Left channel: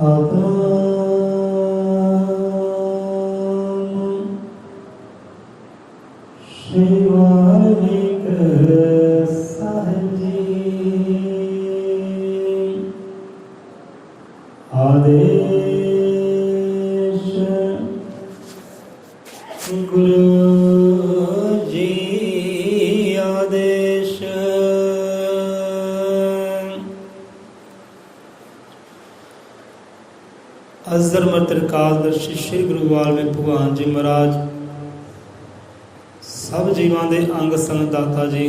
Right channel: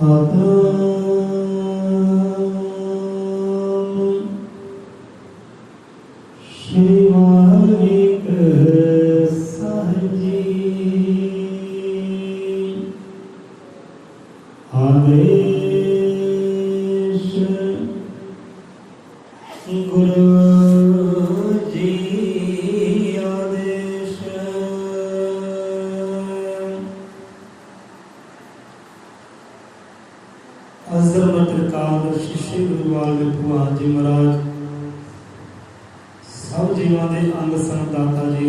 श्री वाहिगुरू साहिब जी आदेश गुरु जी आदेश। अजर त्रिकालदर्शी श्री गुरु वाल्मीकि भगवान जी महाराज सब जीवां दे अंग संग दाता जी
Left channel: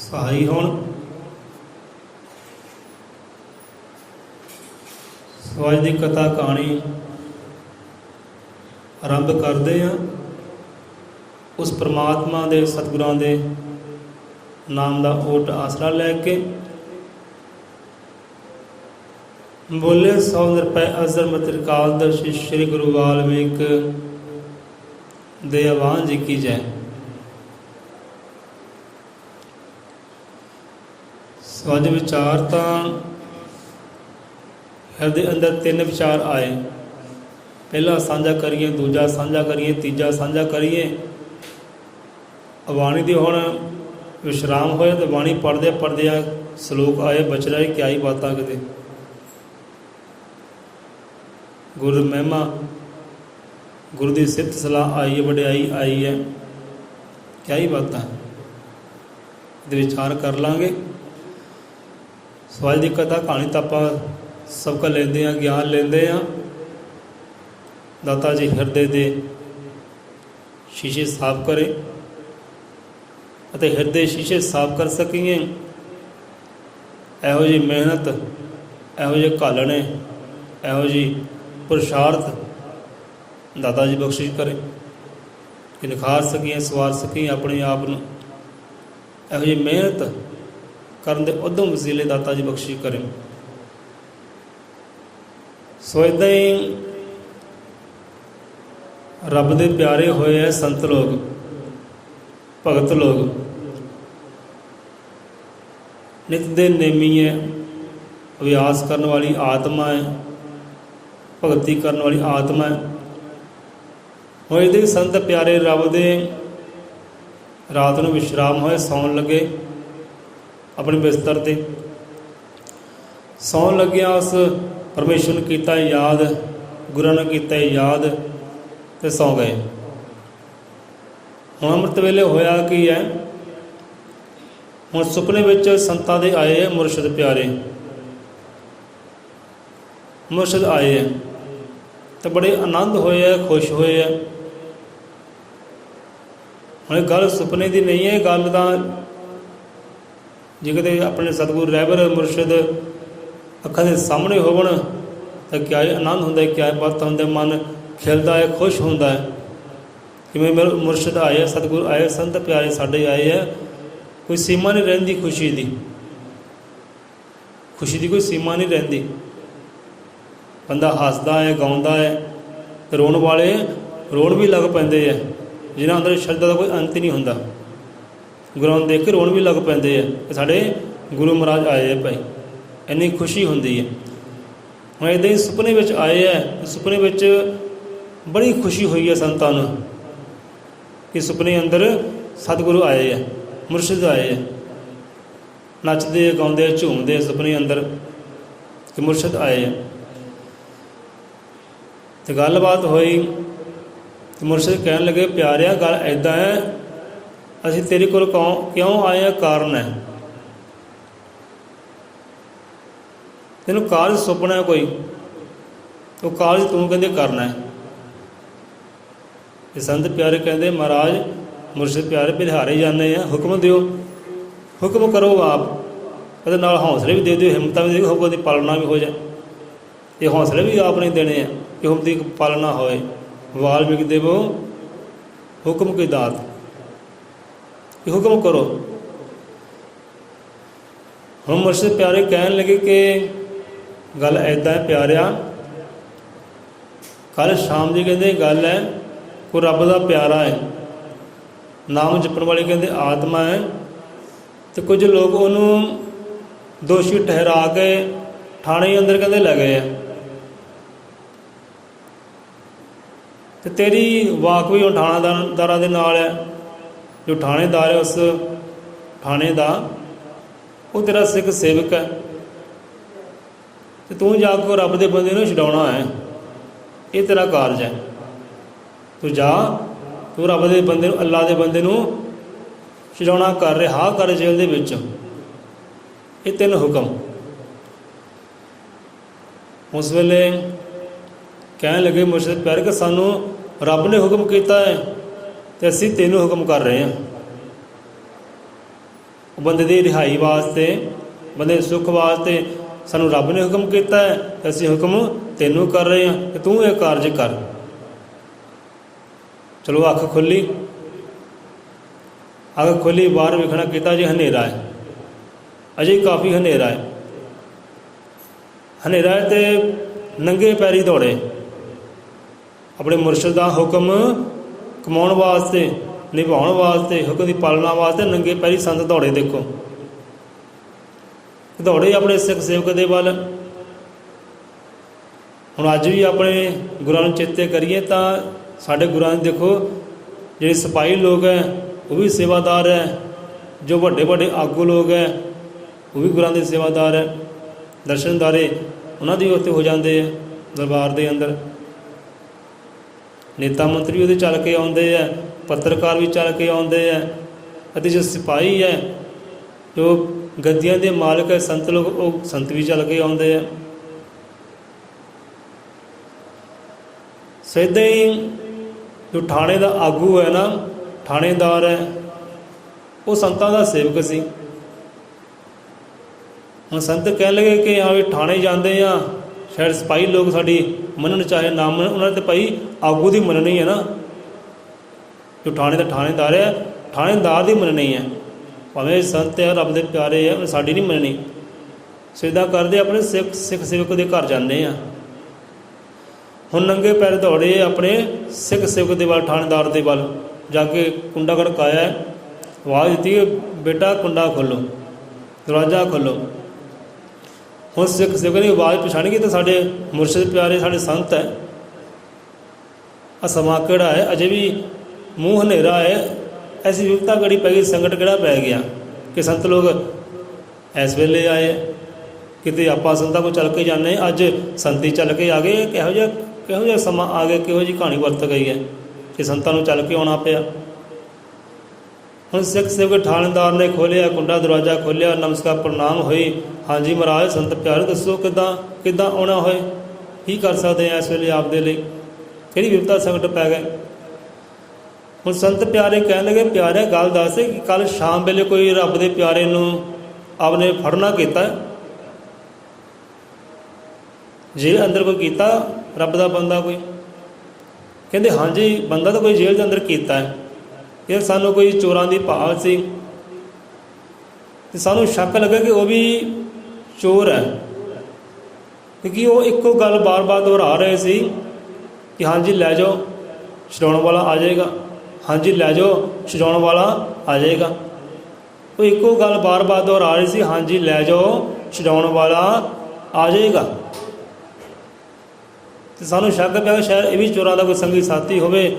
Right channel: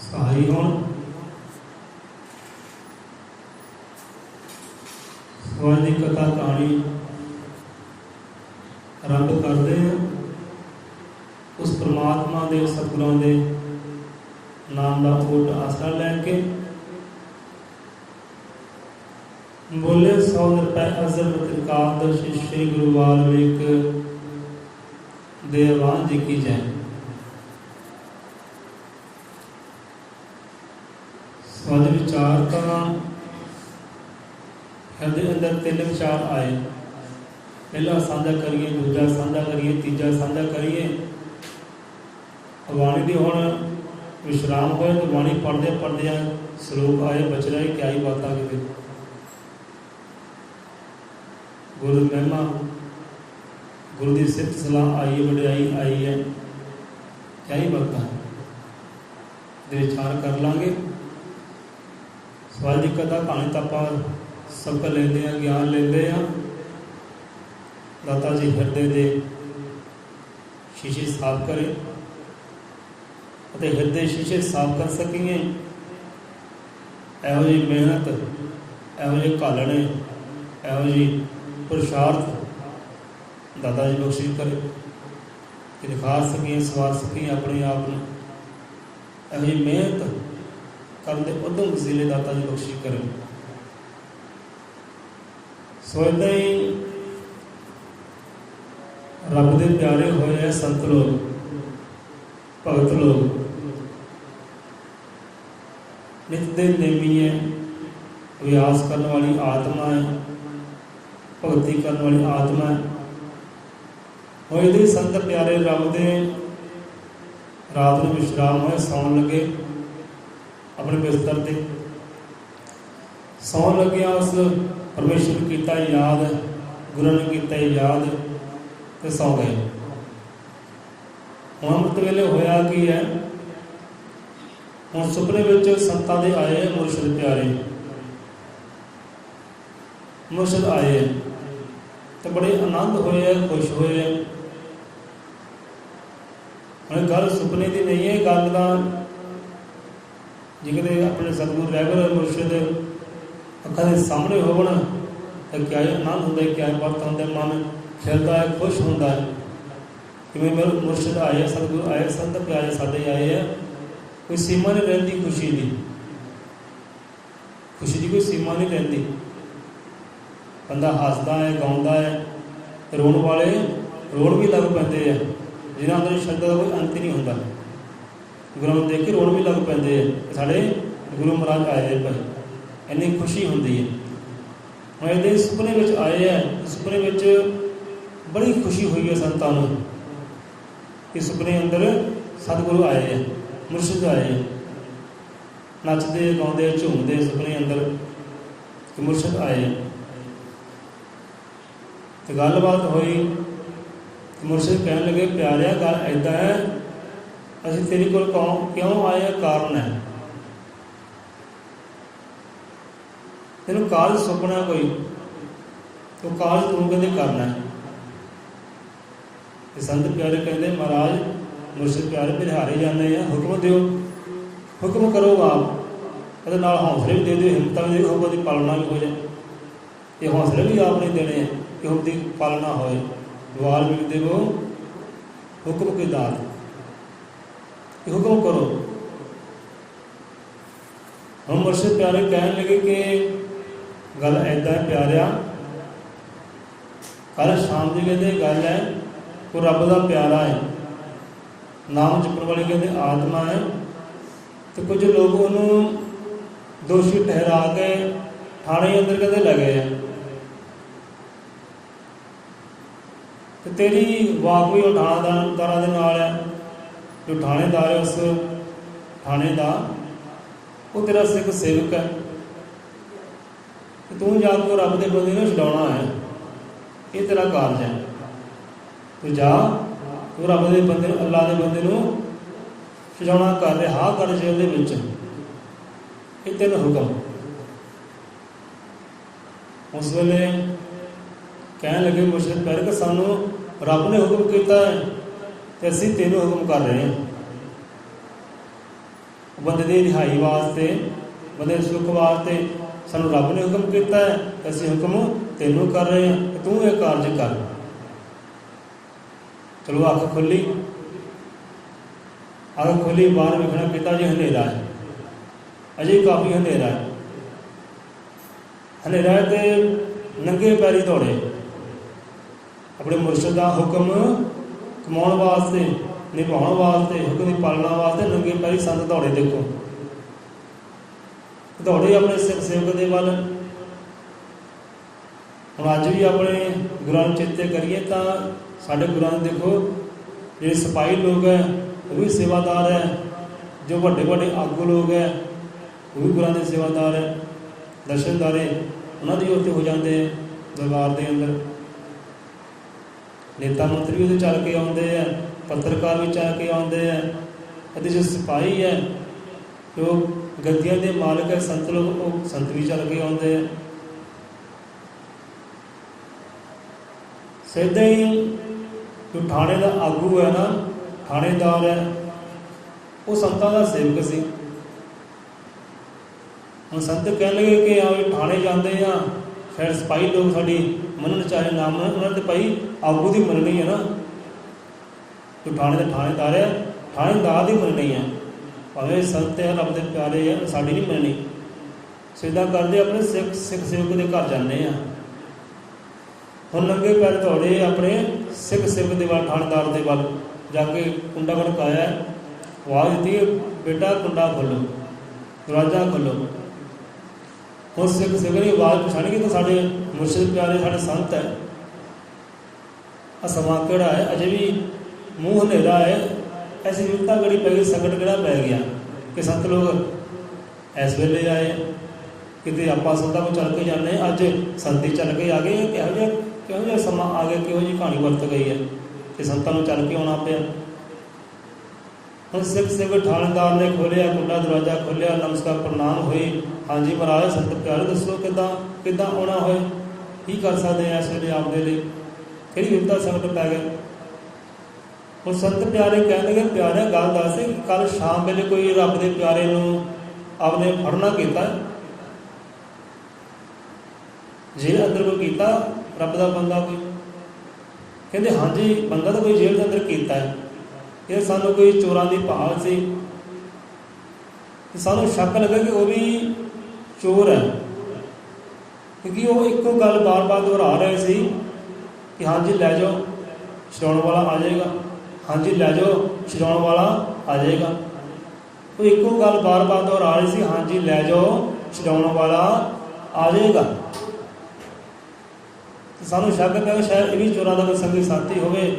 सहाई होण। सो अज की कथा कहानी आरंभ करते हैं उस परमात्मा दे सतगुरां दे नाम का ओट आसरा लैके। बोले 100 रुपए अजर त्रिकालदर्शी श्री गुरु वाल्मीकि दे आवान जी की जय। अज विचार तो हृदय अंदर 3 विचार आए। पहला साझा करिए, दूजा साझा करिए, तीजा साझा करिए। वाणी दी हुण विश्राम होए तो वाणी पढ़दे पढ़दे सलोक आए बचरा ही क्या ही बातां किते गुरु महिमा गुरु की सिफत सलाह आई है, वडियाई आई है, क्या ही बात है विचार कर लांगे। स्वाज की कथा कहानी तो आप सबका लेंदे हैं, ज्ञान लेंदे हैं। दाता जी हृदय के शीशे साफ करे अते हृदय शीशे साफ कर सकीए। इहो जी मेहनत, इहो जे घालने, इहो जी पुरुषार्थ दाता जी बख्शिश करे कि निखार सकिए, सवार सकिए अपने आप में। इहो जी मेहनत करन दे उद्यम वसीले दाता जी बख्शिश करे। सो इदां ही रब दे प्यारे होए है संत लोग, भगत लोग, नित दे नेमी है, अभ्यास करने वाली आत्मा है, भगती करने वाली आत्मा है। होए दे संत प्यारे रब दे रात को विश्राम होए सौन लगे अपने बिस्तर से सौन लग्या उस परमेश्वर ने किया याद, गुरु ने किया याद तो सौ गए। हुण अमृत वेले होया की है, हुण सुपने विच संतां दे आए है मुरशद प्यारे, मुरशद आए है तो बड़े आनंद होए है, खुश होए है। हुण गल सुपने की नहीं है, गल तो जे किते अपने सतगुरु रहबर मुरशद अखां दे सामने होवन तो क्या आनंद होंदा है, क्या बात होंदा है, मन खिलता है, खुश होंदा है। जिवें मेरे मुरशद आए, सतगुरु आए, संत प्यारे साडे आए है, कोई सीमा नहीं रहिंदी खुशी की, खुशी की कोई सीमा नहीं रहिंदी। बंदा हसदा है, गाउंदा है, रोण वाले रोण भी लग पैंदे है, जिन्हां अंदर शरधा का कोई अंत ही नहीं होंदा। गुरुआं देख के रोण भी लग पैंदे है कि साडे गुरु महाराज आए है भाई, इन्नी खुशी होंदी है। हुण इदां ही सुपने विच आए है, सुपने विच बड़ी खुशी हुई है संतां नूं कि सुपने अंदर सतगुरु आए है, मुरशद आए है, नचदे गाउंदे झूमदे सुपने अंदर कि मुरशद आए है। तो गलबात हुई तो मुरशद कहन लगे प्यारिया गल ऐदा है, असीं तेरे कोल क्यों आए हैं, कारण है। तेनों कारज सुपना है कोई, तो कारज तू कहते करना है। संत प्यारे कहते महाराज मुरशद प्यारे बिहारे जाने हैं, हुक्म दिओ, हुक्म करो आप, कहते नाल हौसले भी दे दिओ, हिम्मत भी दे, हुक्म की पालना भी हो जाए। ये हौसले भी आपने देने हैं कि हुक्म की पालना होए। वाल्मीकि देवो हुक्म की दात, हुक्म करो। हम मुरशद प्यारे कहन लगे कि गल ऐदा है प्यारिया, कल शाम जी कहते गल है कोई रब का प्यारा है, नाम जपण वाली कहते आत्मा है, तो कुछ लोग उन्होंने दोषी ठहरा के ਥਾਣੇ ਅੰਦਰ ਕਹਿੰਦੇ ਲੈ ਗਏ ਆ, ਤੇ ਤੇਰੀ ਵਾਕ ਵੀ ਉਹ ਥਾਣੇਦਾਰਾਂ ਦੇ ਨਾਲ ਹੈ। ਜੋ ਥਾਣੇਦਾਰ ਹੈ ਉਸ ਥਾਣੇ ਦਾ, ਉਹ ਤੇਰਾ ਸਿੱਖ ਸੇਵਕ ਹੈ, ਤੇ ਤੂੰ ਜਾ ਕੇ ਰੱਬ ਦੇ ਬੰਦੇ ਨੂੰ ਛਡਾਉਣਾ ਹੈ। ਇਹ ਤੇਰਾ ਕਾਰਜ ਹੈ। ਤੂੰ ਜਾ, ਤੂੰ ਰੱਬ ਦੇ ਬੰਦੇ ਨੂੰ, ਅੱਲਾ ਦੇ ਬੰਦੇ ਨੂੰ ਛਡਾਉਣਾ ਕਰ, ਰਿਹਾ ਕਰ ਜੇਲ੍ਹ ਦੇ ਵਿੱਚ। ਇਹ 3 ਹੁਕਮ। ਉਸ ਵੇਲੇ ਕਹਿਣ ਲੱਗੇ ਮੁਰਸ਼ਿਦ ਪਿਆਰੇ ਕਿ ਸਾਨੂੰ ਰੱਬ ਨੇ ਹੁਕਮ ਕੀਤਾ ਹੈ ਤੇ ਅਸੀਂ 3 ਹੁਕਮ ਕਰ ਰਹੇ ਹਾਂ। ਬੰਦੇ ਦੀ ਰਿਹਾਈ ਵਾਸਤੇ, ਬੰਦੇ ਦੇ ਸੁੱਖ ਵਾਸਤੇ ਸਾਨੂੰ ਰੱਬ ਨੇ ਹੁਕਮ ਕੀਤਾ ਹੈ ਤੇ ਅਸੀਂ ਹੁਕਮ ਤੈਨੂੰ ਕਰ ਰਹੇ ਹਾਂ ਕਿ ਤੂੰ ਇਹ ਕਾਰਜ ਕਰ। ਚਲੋ ਅੱਖ ਖੁੱਲੀ, ਅੱਖ ਖੁੱਲੀ, ਬਾਹਰ ਵੇਖਣਾ ਕੀਤਾ ਜੀ ਹਨੇਰਾ ਹੈ, ਅਜੇ ਕਾਫੀ ਹਨੇਰਾ ਹੈ। ਹਨੇਰਾ ਹੈ ਤੇ ਨੰਗੇ ਪੈਰੀ ਦੌੜੇ ਆਪਣੇ ਮੁਰਸ਼ਿਦ ਦਾ ਹੁਕਮ ਕਮਾਉਣ ਵਾਸਤੇ, ਨਿਭਾਉਣ ਵਾਸਤੇ, ਹੁਕਮ ਦੀ ਪਾਲਣਾ ਵਾਸਤੇ ਨੰਗੇ ਪੈਰੀ ਸੰਤ ਦੌੜੇ। ਦੇਖੋ ਦੌੜੇ ਆਪਣੇ ਸਿੱਖ ਸੇਵਕ ਦੇ ਵੱਲ। ਹੁਣ ਅੱਜ ਵੀ ਆਪਣੇ ਗੁਰਾਂ ਨੂੰ ਚੇਤੇ ਕਰੀਏ ਤਾਂ ਸਾਡੇ ਗੁਰਾਂ ਦੇ ਦੇਖੋ ਜਿਹੜੇ ਸਿਪਾਹੀ ਲੋਕ ਹੈ ਉਹ ਵੀ ਸੇਵਾਦਾਰ ਹੈ, ਜੋ ਵੱਡੇ ਵੱਡੇ ਆਗੂ ਲੋਕ ਹੈ ਉਹ ਵੀ ਗੁਰਾਂ ਦੇ ਸੇਵਾਦਾਰ ਹੈ, ਦਰਸ਼ਨਦਾਰੇ ਉਹਨਾਂ ਦੇ ਉੱਤੇ ਹੋ ਜਾਂਦੇ ਆ ਦਰਬਾਰ ਦੇ ਅੰਦਰ। ਨੇਤਾ ਮੰਤਰੀ ਉਹਦੇ ਚੱਲ ਕੇ ਆਉਂਦੇ ਆ, ਪੱਤਰਕਾਰ ਵੀ ਚੱਲ ਕੇ ਆਉਂਦੇ ਆ, ਅਤੇ ਜੋ ਸਿਪਾਹੀ ਹੈ, ਜੋ ਗੱਦੀਆਂ ਦੇ ਮਾਲਕ ਹੈ, ਸੰਤ ਲੋਕ, ਉਹ ਸੰਤ ਵੀ ਚੱਲ ਕੇ ਆਉਂਦੇ ਆ। ਸੋ ਇੱਦਾਂ ਹੀ ਜੋ ਥਾਣੇ ਦਾ ਆਗੂ ਹੈ ਨਾ, ਥਾਣੇਦਾਰ ਹੈ, ਉਹ ਸੰਤਾਂ ਦਾ ਸੇਵਕ ਸੀ। ਹੁਣ ਸੰਤ ਕਹਿਣ ਲੱਗੇ ਕਿ ਹਾਂ ਵੀ ਥਾਣੇ ਜਾਂਦੇ ਆ, ਸ਼ਾਇਦ ਸਿਪਾਹੀ ਲੋਕ ਸਾਡੀ ਮੰਨਣ ਚਾਹੇ ਨਾ ਮੰਨਣ, ਉਹਨਾਂ ਨੇ ਤਾਂ ਭਾਈ ਆਗੂ ਦੀ ਮੰਨਣੀ ਹੈ ਨਾ। ਜੋ ਥਾਣੇ ਦਾ ਥਾਣੇਦਾਰ ਹੈ, ਥਾਣੇਦਾਰ ਦੀ ਮੰਨਣੀ ਹੈ, ਭਾਵੇਂ ਸੰਤ ਹੈ, ਰੱਬ ਦੇ ਪਿਆਰੇ ਹੈ, ਸਾਡੀ ਨਹੀਂ ਮੰਨਣੀ। ਸੋ ਇੱਦਾਂ ਕਰਦੇ ਆਪਣੇ ਸਿੱਖ ਸੇਵਕ ਦੇ ਘਰ ਜਾਂਦੇ ਆ। ਹੁਣ ਨੰਗੇ ਪੈਰ ਦੌੜੇ ਆਪਣੇ ਸਿੱਖ ਸੇਵਕ ਦੇ ਵੱਲ, ਥਾਣੇਦਾਰ ਦੇ ਵੱਲ ਜਾ ਕੇ ਕੁੰਡਾ ਖੜਕਾਇਆ, ਆਵਾਜ਼ ਦਿੱਤੀ ਬੇਟਾ ਕੁੰਡਾ ਖੋਲ੍ਹੋ, ਦਰਵਾਜ਼ਾ ਖੋਲ੍ਹੋ। ਹੁਣ ਸਿੱਖ ਸੇਵਕ ਦੀ ਆਵਾਜ਼ ਪਛਾਣੀ ਕਿ ਤਾਂ ਸਾਡੇ ਮੁਰਸ਼ਿਦ ਪਿਆਰੇ, ਸਾਡੇ ਸੰਤ ਹੈ। ਆ ਸਮਾਂ ਕਿਹੜਾ ਹੈ, ਅਜੇ ਵੀ ਮੂੰਹ ਹਨੇਰਾ ਹੈ, ਐਸੀ ਵਿਪਤਾ ਘੜੀ ਪੈ ਗਈ, ਸੰਕਟ ਕਿਹੜਾ ਪੈ ਗਿਆ ਕਿ ਸੰਤ ਲੋਕ ਇਸ ਵੇਲੇ ਆਏ। ਕਿਤੇ ਆਪਾਂ ਸੰਤਾਂ ਕੋਲ ਚੱਲ ਕੇ ਜਾਂਦੇ, ਅੱਜ ਸੰਤੀ ਚੱਲ ਕੇ ਆ ਗਏ। ਕਿਹੋ ਜਿਹਾ ਸਮਾਂ ਆ ਗਿਆ, ਕਿਹੋ ਜਿਹੀ ਕਹਾਣੀ ਵਰਤ ਗਈ ਹੈ ਕਿ ਸੰਤਾਂ ਨੂੰ ਚੱਲ ਕੇ ਆਉਣਾ ਪਿਆ। ਹੁਣ ਸਿੱਖ ਸੇਵਕ ਥਾਣੇਦਾਰ ਨੇ ਖੋਲ੍ਹਿਆ ਕੁੰਡਾ, ਦਰਵਾਜ਼ਾ ਖੋਲ੍ਹਿਆ, ਨਮਸਕਾਰ ਪ੍ਰਣਾਮ ਹੋਈ। ਹਾਂਜੀ ਮਹਾਰਾਜ ਸੰਤ ਪਿਆਰੇ ਦੱਸੋ ਕਿੱਦਾਂ ਆਉਣਾ ਹੋਏ, ਕੀ ਕਰ ਸਕਦੇ ਹਾਂ ਇਸ ਵੇਲੇ ਆਪ ਦੇ ਲਈ, ਕਿਹੜੀ ਵਿਪਤਾ ਸੰਕਟ ਪੈ ਗਏ। ਹੁਣ ਸੰਤ ਪਿਆਰੇ ਕਹਿਣ ਲੱਗੇ ਪਿਆਰੇ ਗੱਲ ਦੱਸ ਕਿ ਕੱਲ੍ਹ ਸ਼ਾਮ ਵੇਲੇ ਕੋਈ ਰੱਬ ਦੇ ਪਿਆਰੇ ਨੂੰ ਆਪਨੇ ਫੜਨਾ ਕੀਤਾ, ਜੇਲ੍ਹ ਅੰਦਰ ਕੋਈ ਕੀਤਾ ਰੱਬ ਦਾ ਬੰਦਾ ਕੋਈ? ਕਹਿੰਦੇ ਹਾਂਜੀ ਬੰਦਾ ਤਾਂ ਕੋਈ ਜੇਲ੍ਹ ਦੇ ਅੰਦਰ ਕੀਤਾ ਹੈ। ਇਹ ਸਾਨੂੰ ਕੋਈ ਚੋਰਾਂ ਦੀ ਭਾਲ ਸੀ ਤੇ ਸਾਨੂੰ ਸ਼ੱਕ ਲੱਗਾ ਕਿ ਉਹ ਵੀ ਚੋਰ ਹੈ, ਕਿਉਂਕਿ ਉਹ ਇੱਕੋ ਗੱਲ ਬਾਰ-ਬਾਰ ਦੁਹਰਾ ਰਹੇ ਸੀ ਕਿ ਹਾਂਜੀ ਲੈ ਜਾਓ ਛਡਾਉਣ ਵਾਲਾ ਆ ਜਾਏਗਾ, ਹਾਂਜੀ ਲੈ ਜਾਓ ਛਡਾਉਣ ਵਾਲਾ ਆ ਜਾਏਗਾ। ਉਹ ਇੱਕੋ ਗੱਲ ਬਾਰ-ਬਾਰ ਦੁਹਰਾ ਰਹੇ ਸੀ, ਹਾਂਜੀ ਲੈ ਜਾਓ ਛਡਾਉਣ ਵਾਲਾ ਆ ਜਾਏਗਾ। ਤੇ ਸਾਨੂੰ ਸ਼ੱਕ ਪਿਆ ਕਿ ਸ਼ਾਇਦ ਇਹ ਵੀ ਚੋਰਾਂ ਦਾ ਕੋਈ ਸੰਗੀ ਸਾਥੀ ਹੋਵੇ,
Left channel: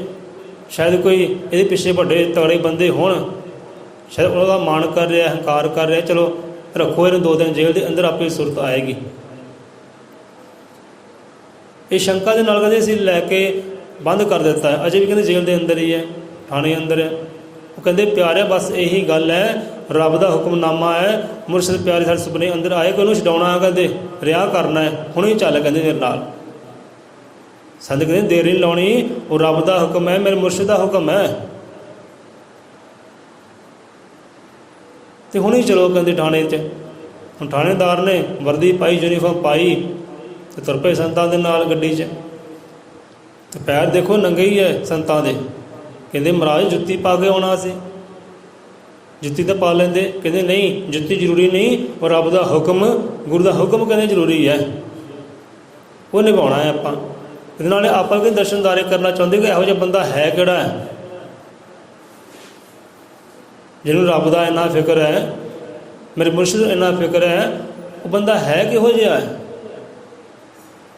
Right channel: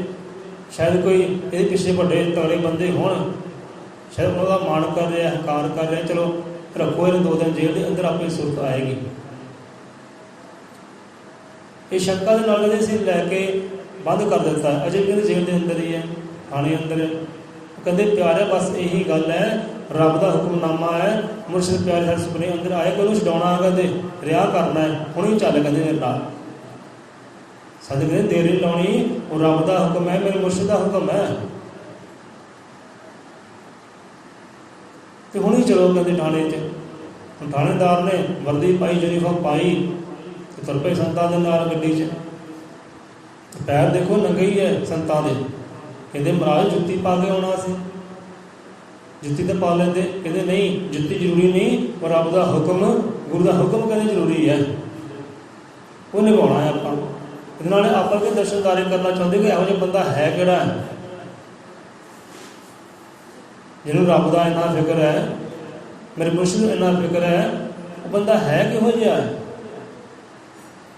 ਸ਼ਾਇਦ ਕੋਈ ਇਹਦੇ ਪਿੱਛੇ ਵੱਡੇ ਤਗੜੇ ਬੰਦੇ ਹੋਣ, ਸ਼ਾਇਦ ਉਹਨਾਂ ਦਾ ਮਾਣ ਕਰ ਰਿਹਾ, ਹੰਕਾਰ ਕਰ ਰਿਹਾ, ਚਲੋ ਰੱਖੋ ਇਹਨੂੰ 2 ਦਿਨ ਜੇਲ੍ਹ ਦੇ ਅੰਦਰ, ਆਪੇ ਸੁਰਤ ਆਏਗੀ। ਇਹ ਸ਼ੰਕਾ ਦੇ ਨਾਲ ਕਹਿੰਦੇ ਅਸੀਂ ਲੈ ਕੇ ਬੰਦ ਕਰ ਦਿੱਤਾ ਹੈ, ਅਜੇ ਵੀ ਕਹਿੰਦੇ ਜੇਲ੍ਹ ਦੇ ਅੰਦਰ ਹੀ ਹੈ, ਥਾਣੇ ਅੰਦਰ ਹੈ। ਉਹ ਕਹਿੰਦੇ ਪਿਆਰਿਆ ਬਸ ਇਹੀ ਗੱਲ ਹੈ, ਰੱਬ ਦਾ ਹੁਕਮਨਾਮਾ ਹੈ, ਮੁਰਸ਼ਿਦ ਪਿਆਰੇ ਸਾਡੇ ਸੁਪਨੇ ਅੰਦਰ ਆਏ ਕਿ ਉਹਨੂੰ ਛਡਾਉਣਾ ਹੈ, ਕਹਿੰਦੇ ਰਿਹਾ ਕਰਨਾ ਹੈ, ਹੁਣੇ ਚੱਲ ਕਹਿੰਦੇ ਮੇਰੇ ਨਾਲ। ਸੰਤ ਕਹਿੰਦੇ ਦੇਰ ਨਹੀਂ ਲਾਉਣੀ, ਉਹ ਰੱਬ ਦਾ ਹੁਕਮ ਹੈ, ਮੇਰੇ ਮੁਰਸ਼ਿਦ ਦਾ ਹੁਕਮ ਹੈ, ਤੇ ਹੁਣੇ ਚਲੋ ਕਹਿੰਦੇ ਥਾਣੇ 'ਚ। ਹੁਣ ਥਾਣੇਦਾਰ ਨੇ ਵਰਦੀ ਪਾਈ, ਯੂਨੀਫਾਰਮ ਪਾਈ ਤੇ ਤੁਰ ਪਏ ਸੰਤਾਂ ਦੇ ਨਾਲ ਗੱਡੀ 'ਚ। ਤੇ ਪੈਰ ਦੇਖੋ ਨੰਗੇ ਹੀ ਹੈ ਸੰਤਾਂ ਦੇ। ਕਹਿੰਦੇ ਮਹਾਰਾਜ ਜੁੱਤੀ ਪਾ ਕੇ ਆਉਣਾ ਸੀ, ਜੁੱਤੀ ਤਾਂ ਪਾ ਲੈਂਦੇ। ਕਹਿੰਦੇ ਨਹੀਂ ਜੁੱਤੀ ਜ਼ਰੂਰੀ ਨਹੀਂ, ਪਰ ਰੱਬ ਦਾ ਹੁਕਮ, ਗੁਰੂ ਦਾ ਹੁਕਮ ਕਹਿੰਦੇ ਜ਼ਰੂਰੀ ਹੈ, ਉਹ ਨਿਭਾਉਣਾ ਹੈ ਆਪਾਂ। ਇਹਦੇ ਨਾਲ ਆਪਾਂ ਵੀ ਦਰਸ਼ਨਦਾਰੇ ਕਰਨਾ ਚਾਹੁੰਦੇ ਕਿ ਇਹੋ ਜਿਹਾ ਬੰਦਾ ਹੈ ਕਿਹੜਾ ਹੈ ਜਿਹਨੂੰ ਰੱਬ ਦਾ ਇੰਨਾ ਫਿਕਰ ਹੈ, ਮੇਰੇ ਮੁਰਸ਼ਿਦ ਇੰਨਾ ਫਿਕਰ ਹੈ, ਉਹ ਬੰਦਾ ਹੈ ਕਿਹੋ ਜਿਹਾ ਹੈ।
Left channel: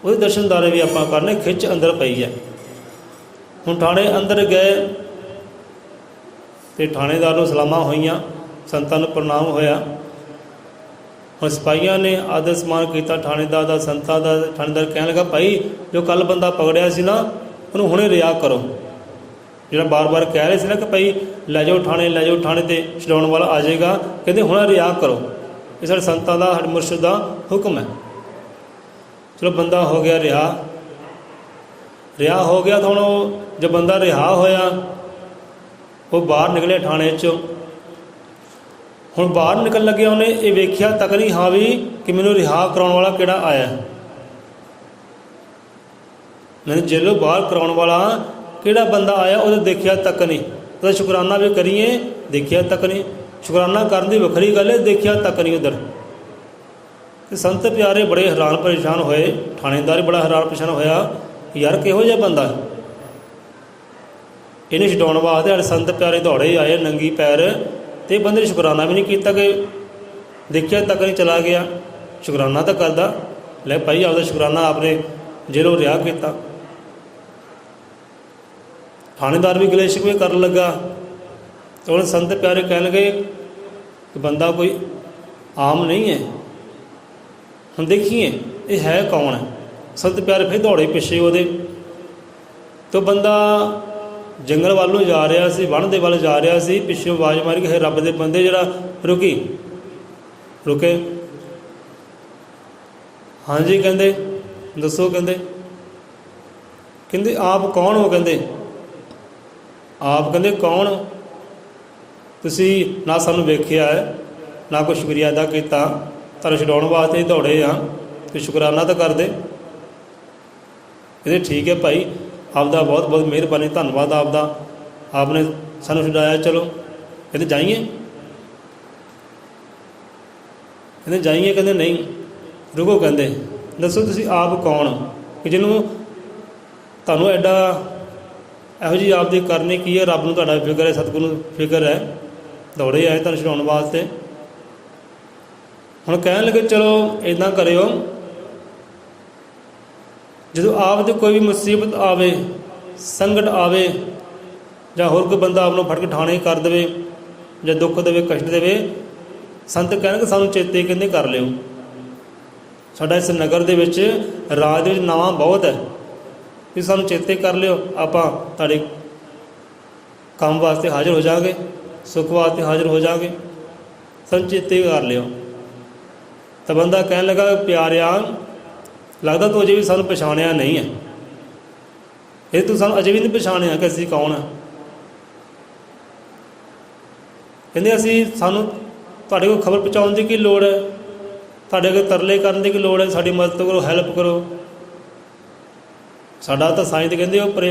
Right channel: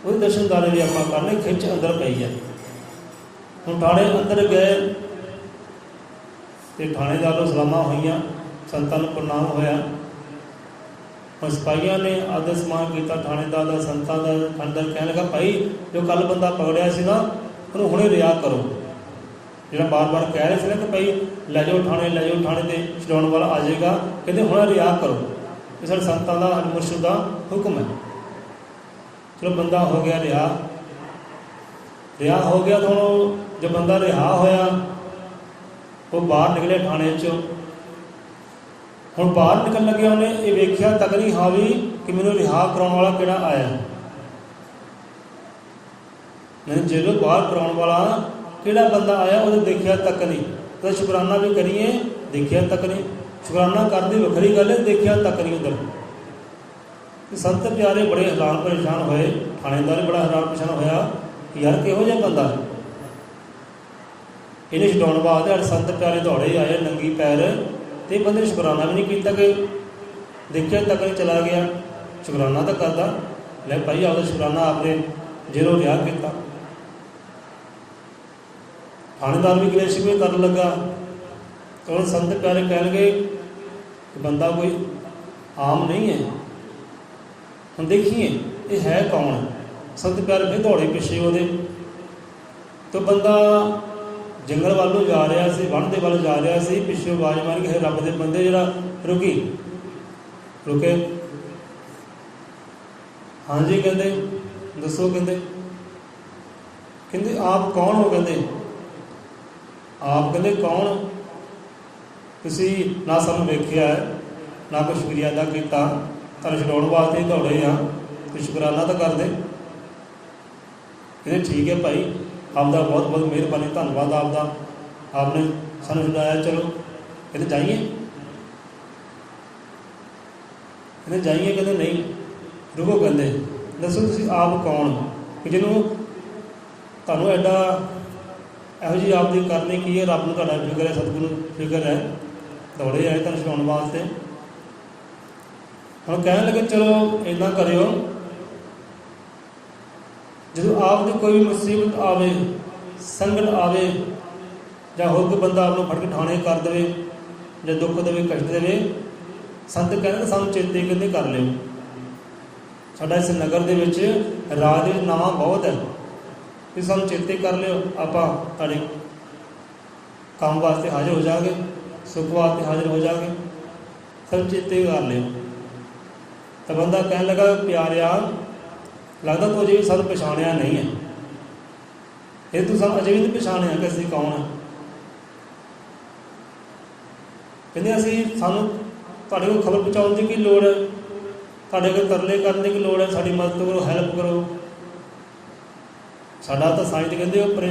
ਉਹਦੇ ਦਰਸ਼ਨਦਾਰੇ ਵੀ ਆਪਾਂ ਕਰਨੇ। ਖਿੱਚ ਅੰਦਰ ਪਈ ਹੈ। ਹੁਣ ਥਾਣੇ ਅੰਦਰ ਗਏ ਅਤੇ ਥਾਣੇਦਾਰ ਨੂੰ ਸਲਾਮਾਂ ਹੋਈਆਂ, ਸੰਤਾਂ ਨੂੰ ਪ੍ਰਣਾਮ ਹੋਇਆ। ਹੁਣ ਸਿਪਾਹੀਆਂ ਨੇ ਆਦਰ ਸਨਮਾਨ ਕੀਤਾ ਥਾਣੇਦਾਰ ਦਾ, ਸੰਤਾਂ ਦਾ। ਥਾਣੇਦਾਰ ਕਹਿਣ ਲੱਗਾ, ਭਾਈ ਜੋ ਕੱਲ੍ਹ ਬੰਦਾ ਪਕੜਿਆ ਸੀ ਨਾ, ਉਹਨੂੰ ਹੁਣੇ ਰਿਹਾ ਕਰੋ। ਜਿਹੜਾ ਬਾਰ-ਬਾਰ ਕਹਿ ਰਹੇ ਸੀ ਨਾ ਕਿ ਭਾਈ ਲੈ ਜਾਓ ਥਾਣੇ, ਲੈ ਜਾਓ ਥਾਣੇ, 'ਤੇ ਛਡਾਉਣ ਵਾਲਾ ਆ ਜਾਏਗਾ, ਕਹਿੰਦੇ ਹੁਣ ਰਿਹਾ ਕਰੋ। ਇਹ ਸਾਡੇ ਸੰਤਾਂ ਦਾ, ਸਾਡੇ ਮੁਰਸ਼ਿਦ ਦਾ ਹੁਕਮ ਹੈ। ਚਲੋ ਬੰਦਾ ਹੋ ਗਿਆ ਰਿਹਾ ਹੋ ਗਿਆ। ਤਾਂ ਹੁਣ ਉਹ ਜੋ ਬੰਦਾ ਰਿਹਾ ਹੋਇਆ, ਉਹ ਬਾਹਰ ਨਿਕਲਿਆ ਥਾਣੇ 'ਚੋਂ। ਹੁਣ ਬਾਹਰ ਨਿਕਲ ਲੱਗਿਆ, ਉਹਨੇ ਇਹ ਵੇਖਿਆ ਤੱਕ ਨਹੀਂ ਹਾਂ ਵੀ ਕਿ ਮੈਨੂੰ ਰਿਹਾ ਕਰਾਉਣ ਵਾਲਾ ਕਿਹੜਾ ਆਇਆ, ਮੈਨੂੰ ਜੇਲੋਂ ਬਾਹਰ ਕਰਾਉਣ ਵਾਲਾ ਕਿਹੜਾ ਬੰਦਾ ਆਇਆ, ਉਹਦੇ ਦੇਖਿਆ ਤੱਕ ਨਹੀਂ। ਉਹਦਾ ਸ਼ੁਕਰਾਨਾ ਵੀ ਕਰੀਏ, ਦੇਖਿਆ ਤੱਕ ਨਹੀਂ। ਸ਼ੁਕਰਾਨਾ ਕਰਨ ਦੀ ਵੱਖਰੀ ਗੱਲ ਹੈ, ਦੇਖਿਆ ਤੱਕ ਨਹੀਂ ਉੱਧਰ। ਅਤੇ ਸੰਤ ਪਿਆਰੇ ਬੜੇ ਹੈਰਾਨ ਪਰੇਸ਼ਾਨ ਹੋਏ, ਥਾਣੇਦਾਰ ਬੜਾ ਹੈਰਾਨ ਪਰੇਸ਼ਾਨ ਹੋਇਆ, ਯਾਰ ਕਿਹੋ ਜਿਹਾ ਬੰਦਾ, ਇਹਨੇ ਛਡਾਉਣ ਵਾਸਤੇ ਸਾਡੇ ਸੰਤ ਪਿਆਰੇ ਦੌੜੇ ਆਏ ਨੰਗੀ ਪੈਰ, ਅਤੇ ਬੰਦੇ ਨੇ ਸ਼ੁਕਰਾਨਾ ਵੀ ਨਹੀਂ ਕੀਤਾ ਕਿ ਦੇਖਿਆ ਤੱਕ ਨਹੀਂ ਚਲਾ ਗਿਆ। ਸ਼ੁਕਰਾਨਾ ਤਾਂ ਕਰਦਾ, ਲੈ ਭਾਈ ਆਪਦਾ ਸ਼ੁਕਰਾਨਾ ਆਪਣੇ ਜੇਲੋਂ ਰਿਹਾ ਕੀਤਾ। ਥਾਣੇਦਾਰ ਵੀ ਗਿਲੇ ਸ਼ਿਕਵੇ ਕਰਨ ਲੱਗਾ। ਹੁਣ ਸੰਤ ਪਿਆਰੇ ਕਹਿਣ ਲੱਗੇ ਕਿ ਬੰਦਾ ਕੋਈ ਆਮ ਨਹੀਂ ਹੈ, ਹੁਣ ਦੇਖੀਏ ਇਹ ਹੈ ਕੌਣ ਹੈ। ਸੰਤ ਪਿਆਰੇ ਫਿਰ ਦੌੜੇ ਪਿੱਛੇ ਉਹਦੇ। ਤਾਂ ਬੰਦਾ ਜੰਗਲ ਵੱਲ ਨੂੰ ਜਾ ਰਿਹਾ ਸੀ, ਵਣ ਦੇ ਵੱਲ ਜਾ ਰਿਹਾ ਸੀ। ਪਿੱਛੋਂ ਆਵਾਜ਼ ਮਾਰੀ ਕਿ ਰੱਬ ਦੇ ਬੰਦੇ, ਜਿਹੜਾ ਰੁਕੇ। ਹਾਂਜੀ ਕਹਿੰਦੇ, ਦੱਸੋ ਕਹਿੰਦੇ ਆਪ ਕੌਣ ਹੋ? ਆਪ ਕਹਿੰਦੇ ਕੌਣ? ਤੁਸੀਂ ਨਾ ਸਾਨੂੰ ਵੇਖਿਆ ਹੈ, ਨਾ ਕੋਈ ਸ਼ੁਕਰੀਆ ਅਦਾ ਕੀਤਾ, ਤੁਹਾਨੂੰ ਛਡਾਉਣ ਵਾਸਤੇ ਦੌੜੇ ਆ, ਤੇ ਸ਼ੁਕਰਾਨਾ ਤਾਂ ਕਰਦੇ। ਕਹਿੰਦੇ ਠੀਕ ਹੈ ਭਾਈ, ਆਪਦਾ ਬਹੁਤ ਬਹੁਤ ਮਿਹਰਬਾਨੀ, ਧੰਨਵਾਦ ਆਪਦਾ, ਆਪਨੇ ਸਾਨੂੰ ਛਡਾਇਆ। ਚਲੋ ਕਹਿੰਦੇ ਜਾਈਏ। ਕਹਿੰਦੇ ਨਹੀਂ ਰੁਕੋ। ਕਹਿੰਦੇ ਦੱਸੋ ਤੁਸੀਂ ਆਪ ਕੌਣ ਕਿ ਜਿਹਨੂੰ ਤੁਹਾਨੂੰ ਐਡਾ ਇਹੋ ਜਿਹੀ ਆਪਦੀ ਕਰਨੀ ਕੀ ਹੈ? ਰੱਬ ਨੂੰ ਤੁਹਾਡਾ ਫਿਕਰ ਹੈ, ਸਤਿਗੁਰੂ ਨੂੰ ਫਿਕਰ ਹੈ, ਦੌੜੇ ਆਏ ਤੁਹਾਨੂੰ ਛਡਾਉਣ ਵਾਸਤੇ। ਹੁਣ ਕਹਿਣ ਲੱਗੇ ਚਲੋ ਇੱਦਾਂ ਕਰਿਓ, ਜਦੋਂ ਆਪ ਦੀ ਕੋਈ ਵੀ ਮੁਸੀਬਤ ਆਵੇ, ਸੰਕਟ ਆਵੇ, ਜਾਂ ਹੋਰ ਕੋਈ ਬੰਦਾ ਆਪ ਨੂੰ ਫੜ ਕੇ ਠਾਣੇ ਕਰ ਦੇਵੇ, ਜਾਂ ਦੁੱਖ ਦੇਵੇ, ਕਸ਼ਟ ਦੇਵੇ, ਸੰਤ ਕਹਿਣਗੇ ਸਾਨੂੰ ਚੇਤੇ ਕਹਿੰਦੇ ਕਰ ਲਿਓ। ਸਾਡਾ ਇਸ ਨਗਰ ਦੇ ਵਿੱਚ, ਰਾਜ ਦੇ ਵਿੱਚ ਨਾਂ ਬਹੁਤ ਹੈ, ਵੀ ਸਾਨੂੰ ਚੇਤੇ ਕਰ ਲਿਓ, ਆਪਾਂ ਤੁਹਾਡੇ ਕੰਮ ਵਾਸਤੇ ਹਾਜ਼ਰ ਹੋ ਜਾਵਾਂਗੇ, ਸੁੱਖ ਵਾਸਤੇ ਹਾਜ਼ਰ ਹੋ ਜਾਵਾਂਗੇ, ਸਾਨੂੰ ਚੇਤੇ ਕਰ ਲਿਓ। ਤਾਂ ਬੰਦਾ ਕਹਿਣ ਲੱਗਾ ਪਿਆਰਿਆ, ਲੱਗਦਾ ਤੂੰ ਅਜੇ ਵੀ ਸਾਨੂੰ ਪਛਾਣਿਆ ਨਹੀਂ ਹੈ। ਇਹ ਤੂੰ ਸਾਨੂੰ ਅਜੇ ਵੀ ਨਹੀਂ ਪਛਾਣਿਆ ਕਿ ਅਸੀਂ ਕੌਣ ਹਾਂ। ਕਹਿੰਦੇ ਸਾਨੂੰ ਤੁਹਾਡੇ ਕੋਲ ਖਬਰ ਪਹੁੰਚਾਉਣ ਦੀ ਕੀ ਲੋੜ ਹੈ, ਤੁਹਾਡੇ ਕੋਲ ਤਰਲੇ ਕਰਨ ਦੀ ਕੀ ਲੋੜ ਹੈ, ਸਾਡੀ ਮਦਦ ਕਰੋ, ਹੈਲਪ ਕਰੋ। ਸਾਡਾ ਤਾਂ ਸਾਈਂ ਤੇ ਕਹਿੰਦੇ ਉੱਪਰ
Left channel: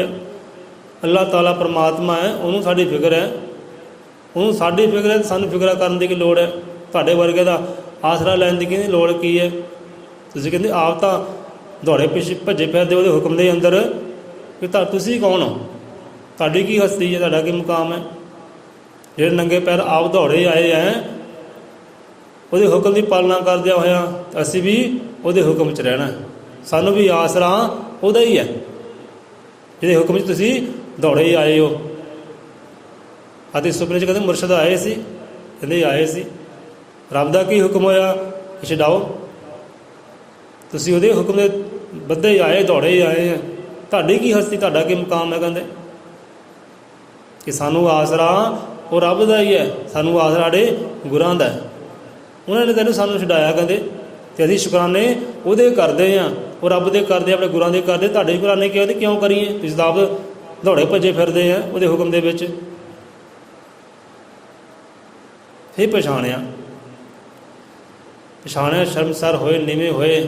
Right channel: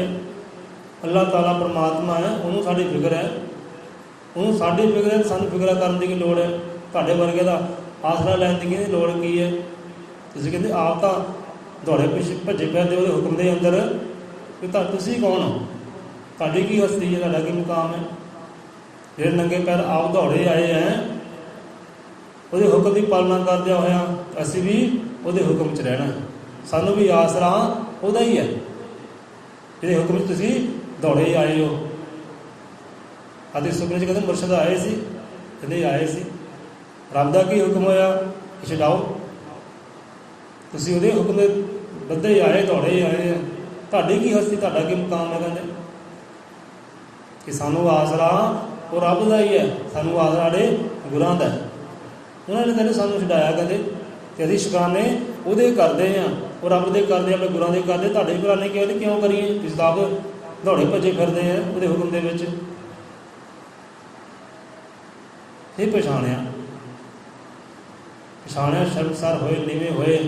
ਅੱਲਾਹ ਤਾਲਾ ਪਰਮਾਤਮਾ ਹੈ, ਉਹਨੂੰ ਸਾਡੀ ਫਿਕਰ ਹੈ, ਉਹਨੂੰ ਸਾਡੀ ਫਿਕਰ ਹੈ, ਸਾਨੂੰ ਫਿਕਰ ਕਰਨ ਦੀ ਕੀ ਲੋੜ ਹੈ, ਤੁਹਾਡੇ ਵਰਗੇ ਦਾ ਆਸਰਾ ਲੈਣ ਦੀ ਕਹਿੰਦੀ ਲੋੜ ਕੀ ਹੈ। ਤੁਸੀਂ ਕਹਿੰਦੇ ਆਪ ਤਾਂ ਦੌੜੇ ਪਿੱਛੇ ਭੱਜੇ ਫਿਰਦੇ ਉਹਦੇ ਹੁਕਮ ਦੇ ਅੰਦਰ, ਕਿ ਤੁਸੀਂ ਕੌਣ ਹੋ, ਤੁਹਾਡੀ ਕੀ ਹਸਤੀ ਹੈ, ਤੁਹਾਡਾ ਕੀ ਮੁਕਾਮ ਹੈ। ਜਿਹੜੇ ਨੰਗੇ ਪੈਰ ਆਪ ਦੌੜੇ ਆਏ ਹੈ, ਉਹਦੇ ਹੁਕਮ ਦੀ ਪਾਲਣਾ ਕਰਦਿਆਂ ਹੋਇਆ ਅਸੀਂ ਵੀ ਉਹਦੇ ਹੁਕਮ 'ਚ ਰਹਿਣਾ। ਸਾਨੂੰ ਵੀ ਆਸਰਾ ਉਹਦਾ ਹੀ ਹੈ, ਜਿਹਦੇ ਹੁਕਮ 'ਚ ਤੁਸੀਂ ਦੌੜੇ ਆਏ ਹੋ। ਅਤੇ ਸੁਪਨੇ 'ਚ ਕਹਿੰਦੇ ਮੁਰਸ਼ਦ ਆਏ ਸੀ, ਕਹਿੰਦੇ ਆਏ ਸੀ। ਰੱਬ ਦਾ ਕੀ ਹੁਕਮ ਹੋਇਆ, ਛਡਾਓ। ਤੁਸੀਂ ਉਹਦੇ ਹੁਕਮ ਦੇ ਬੱਧੇ ਆਏ, ਦੌੜੇ ਆਏ ਹੈ, ਤੁਹਾਡੀ ਕੀ ਹਸਤੀ, ਤੁਹਾਡਾ ਕੀ ਮੁਕਾਮ ਹੈ। ਕਹਿੰਦੇ ਕਿ ਸਾਨੂੰ ਆਸਰਾ ਉਹ ਰੱਬ ਦਾ ਹੀ ਹੈ, ਸਾਨੂੰ ਆਸਰਾ ਸਾਡੇ ਗੁਰਾਂ ਦਾ ਹੈ। ਉਹਨਾਂ ਨੇ ਕਹਿੰਦੇ ਸਾਨੂੰ ਛਡਾਇਆ, ਕਹਿੰਦੇ ਅਤੇ ਅਸੀਂ ਸ਼ੁਕਰਾਨੇ ਉਹਦੇ ਕਰਦੇ ਹਾਂ, ਉਹ ਰੱਬ ਦੇ ਕਰਦੇ, ਆਪਣੇ ਗੁਰਾਂ ਦੇ ਕਰਦੇ। ਤੁਹਾਡੇ ਗੁਰਾਨੇ ਕਿਉਂ ਕਰੀਏ? ਤੁਸੀਂ ਤਾਂ ਆਪ ਦੌੜੇ ਭੱਜੇ ਫਿਰਦੇ ਆ ਉਹਦੇ ਹੁਕਮ ਦੇ ਵਿੱਚ। ਇਹ ਪਛਾਣਿਆ ਸ਼ਰਮਸਾਰ ਹੋਏ, ਨੀਵੇਂ ਹੋਏ,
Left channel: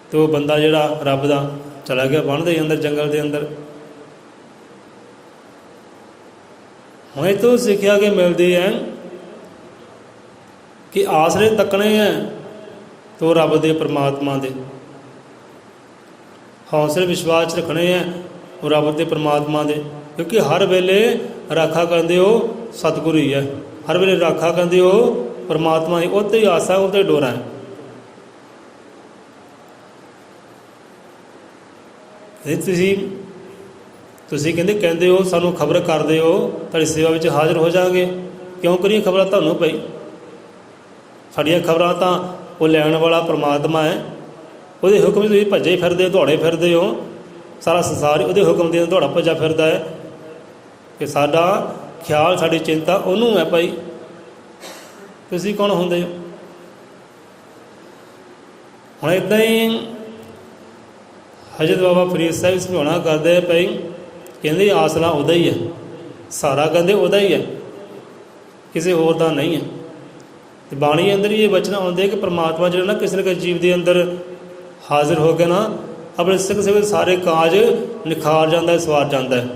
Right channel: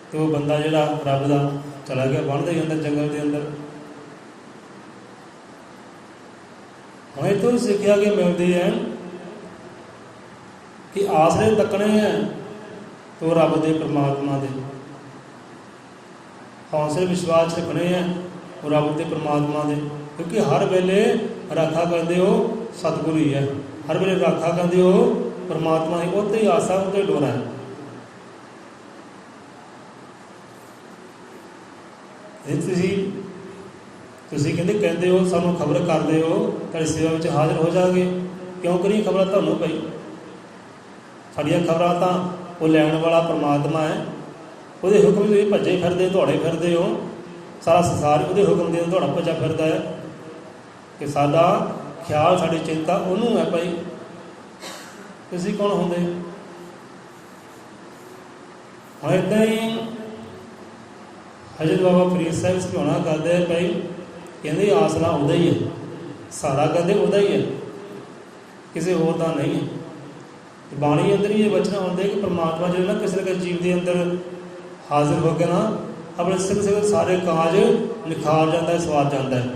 ਅਤੇ ਉਹ ਬੰਦਾ ਜਿਹੜਾ ਰੱਬ ਦਾ ਚਲਾ ਗਿਆ ਵਣ ਦੇ ਅੰਦਰ, ਜੰਗਲ ਦੇ ਅੰਦਰ। ਹੁਣ ਇਹ ਤੋਂ ਸਿੱਖਿਆ ਕਿ ਮਿਲਦੀ ਹੈ ਕਿ ਆਸਰੇ ਤੱਕਣੇ ਹੈ ਤੋ ਰੱਬ ਦੇ, ਪਰਮਾਤਮਾ ਦੇ। ਹੌਸਲੇ ਵਿਸ਼ਵਾਸ ਰੱਖਣੇ ਹੈ ਉਹ ਰੱਬ ਦੇ, ਪਰਮਾਤਮਾ ਦੇ, ਕਿਉਂਕਿ ਹਰ ਵੇਲੇ ਰਾਖਾ ਕਰਦੇ ਉਹ ਸਤਿਗੁਰੂ ਹੀ ਹੈ। ਹਰ ਵੇਲੇ ਰਾਖਾ ਕਰਦੇ ਉਹ ਪਰਮਾਤਮਾ ਦੀ, ਉਹ 'ਤੇ ਹੀ ਆਸਾ, ਉਹ 'ਤੇ ਡੋਰਾ ਹੈ। ਤੁਸੀਂ ਕਹਿੰਦੇ ਹੋ ਸਾਨੂੰ ਖਬਰ ਕਰਦੇ ਹੋ, ਤੁਹਾਡੀ ਸੇਵਾ ਵਿੱਚ ਹਾਜ਼ਰ ਹੋ ਜਾਵਾਂਗੇ। ਕਿਉਂ ਕਰੀਏ ਖਬਰਾਂ ਤੁਹਾਨੂੰ ਪਈ? ਸਾਡੀਆਂ ਖਬਰਾਂ ਤਾਂ ਉਹ ਲੈਣ ਵਾਲਾ ਪਰਮਾਤਮਾ ਹੈ, ਉਹਦੇ ਹੁਕਮ ਤੁਸੀਂ ਭੱਜੇ ਫਿਰਦੇ, ਦੌੜੇ ਫਿਰਦੇ ਹੋ। ਸਾਰਾ ਸੰਸਾਰ ਉਹਦੇ ਹੁਕਮ ਦੇ ਦੌੜਾ ਭੱਜਾ ਫਿਰਦਾ ਹੈ ਕਿ ਸਾਡਾ ਖਿਆਲ, ਸਾਡੀ ਚਿੰਤਾ ਉਹਨੂੰ ਹੈ ਭਾਈ। ਤੁਸੀਂ ਕੌਣ ਹੁੰਦੇ ਹੋ? ਹੁਣ ਇੱਦਾਂ ਹੀ ਹਜ਼ਰਤ ਬਾਬਾ ਫਰੀਦ ਸਾਹਿਬ ਸਮਝਾਉਣਾ ਕਰਦੇ ਭਾਈ, ਕਹਿੰਦੇ ਆਸਰਾ ਉਹਦਾ ਹੀ ਹੈ, ਸਾਰਾ ਕਹਿੰਦੇ ਉਹਦਾ ਹੀ ਹੈ, ਕਿਸੇ ਹੋਰ ਦਾ ਨਹੀਂ ਹੈ। ਤੇ ਬਾਣੀ ਅੰਦਰ ਹੀ ਇਹ ਬਚਨ ਆਉਂਦੇ ਕਿ ਪਰਮਾਤਮਾ ਜਿਹੜਾ ਨਾ ਕਿਸੇ ਨਾ ਕਿਸੇ ਜੀਵ ਦੇ ਅੰਦਰ ਹਾਜ਼ਰ ਹੋ ਕੇ ਨਾ ਆਪਣੇ ਸਿੱਖ ਸਾਰੇ ਕਾਜ ਨਿਖਾਰ ਜਾਂਦਾ ਹੈ, ਸਵਾਰ ਜਾਂਦਾ ਹੈ,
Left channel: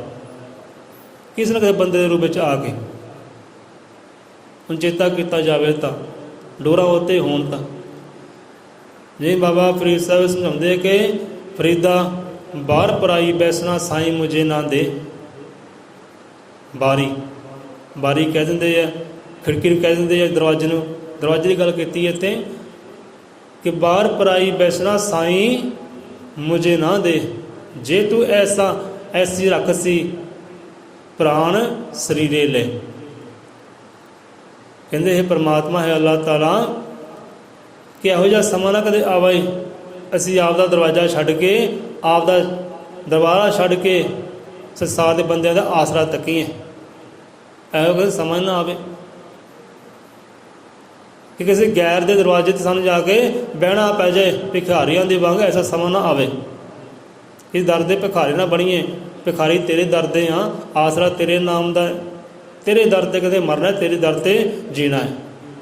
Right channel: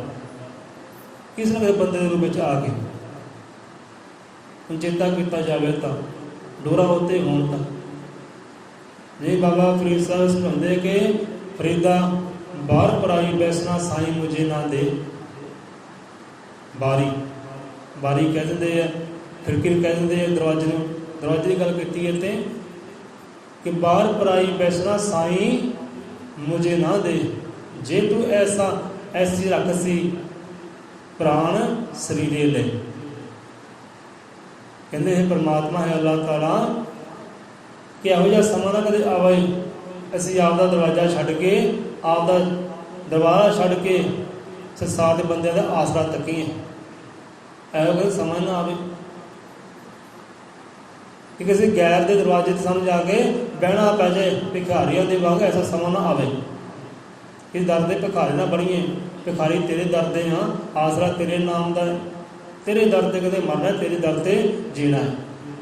ਕਿਸੇ ਨਾ ਕਿਸੇ ਬੰਦੇ ਦੇ ਰੂਪ ਵਿੱਚ ਆ ਕੇ। ਹੁਣ ਚੇਤਾ ਕੀਤਾ ਜਾਵੇ ਤਾਂ ਡੋਰਾ ਉੱਤੇ ਹੋਣ ਤਾਂ ਜੇ ਬਾਬਾ ਫਰੀਦ ਸਾਹਿਬ ਸਮਝਾਉਂਦੇ ਕਿ ਫਰੀਦਾ ਬਾਹਰ ਪਰਾਈ ਬੈਸਣਾ ਸਾਈਂ ਮੁਝੇ ਨਾ ਦੇ। ਬਾਰੀ ਕਹਿ ਦਿੰਦੇ ਆ, ਖਿੜਕੀ ਨੂੰ ਕਹਿ ਦਿੰਦੇ ਆ, ਦਰਵਾਜ਼ੇ ਦੀ ਗੱਲ ਕੀਤੀ ਇੱਥੇ ਕਿ ਬਾਹਰ ਪਰਾਈ ਬੈਸਣਾ ਸਾਈਂ ਮੁਝੇ ਨਾ ਦੇ, ਜੇ ਤੂੰ ਐਸੀ ਰੱਖਸੀ ਪ੍ਰਾਣ ਸਰੀਰੇ ਲੈ। ਕਹਿੰਦੇ ਇਹ ਪਰਮਾਤਮਾ ਹੈ ਅੱਲਾਹ ਤਾਲਾ ਕਿ ਇਹੋ ਜਿਹਾ ਸਮਾਂ ਨਾ ਕਦੇ ਆਵੇ ਅਸੀਂ ਆਪ ਦਾ ਦਰਵਾਜ਼ਾ ਛੱਡ ਕੇ, ਆਪ ਦਾ ਦਰਬਾਰਾ ਛੱਡ ਕੇ ਸੰਸਾਰ ਦੇ ਬੰਦਿਆਂ ਦਾ ਆਸਰਾ ਤੱਕੀਏ। ਇਹੋ ਜਿਹਾ ਸਮਾਂ ਨਾ ਆਵੇ ਕਿ ਕਿਸੇ ਗੈਰ ਦੇ ਦਰਵਾਜ਼ੇ 'ਤੇ ਸਾਨੂੰ ਜਾ ਕੇ ਬਹਿਣਾ ਪੈ ਜਾਏ ਭਿਖਾਰੀਆਂ ਦੇ ਵਾਂਗ। ਐਸਾ ਸਮਾਂ ਨਾ ਆਵੇ। ਇਸ ਦਰ ਦੇ ਭਿਖਾਰੀ ਨਾ ਬਣੀਏ। ਭਿਖਾਰੀ ਤੇਰੇ ਦਰ ਦੇ ਹਾਂ, ਆਸਰਾ ਤੇਰੇ ਨਾਮ ਦਾ ਹੈ, ਤੇਰੇ ਦਰ 'ਤੇ ਕਦੇ ਮਰਨਾ, ਤੇਰੇ ਦਰ 'ਤੇ ਜੀਣਾ ਹੈ।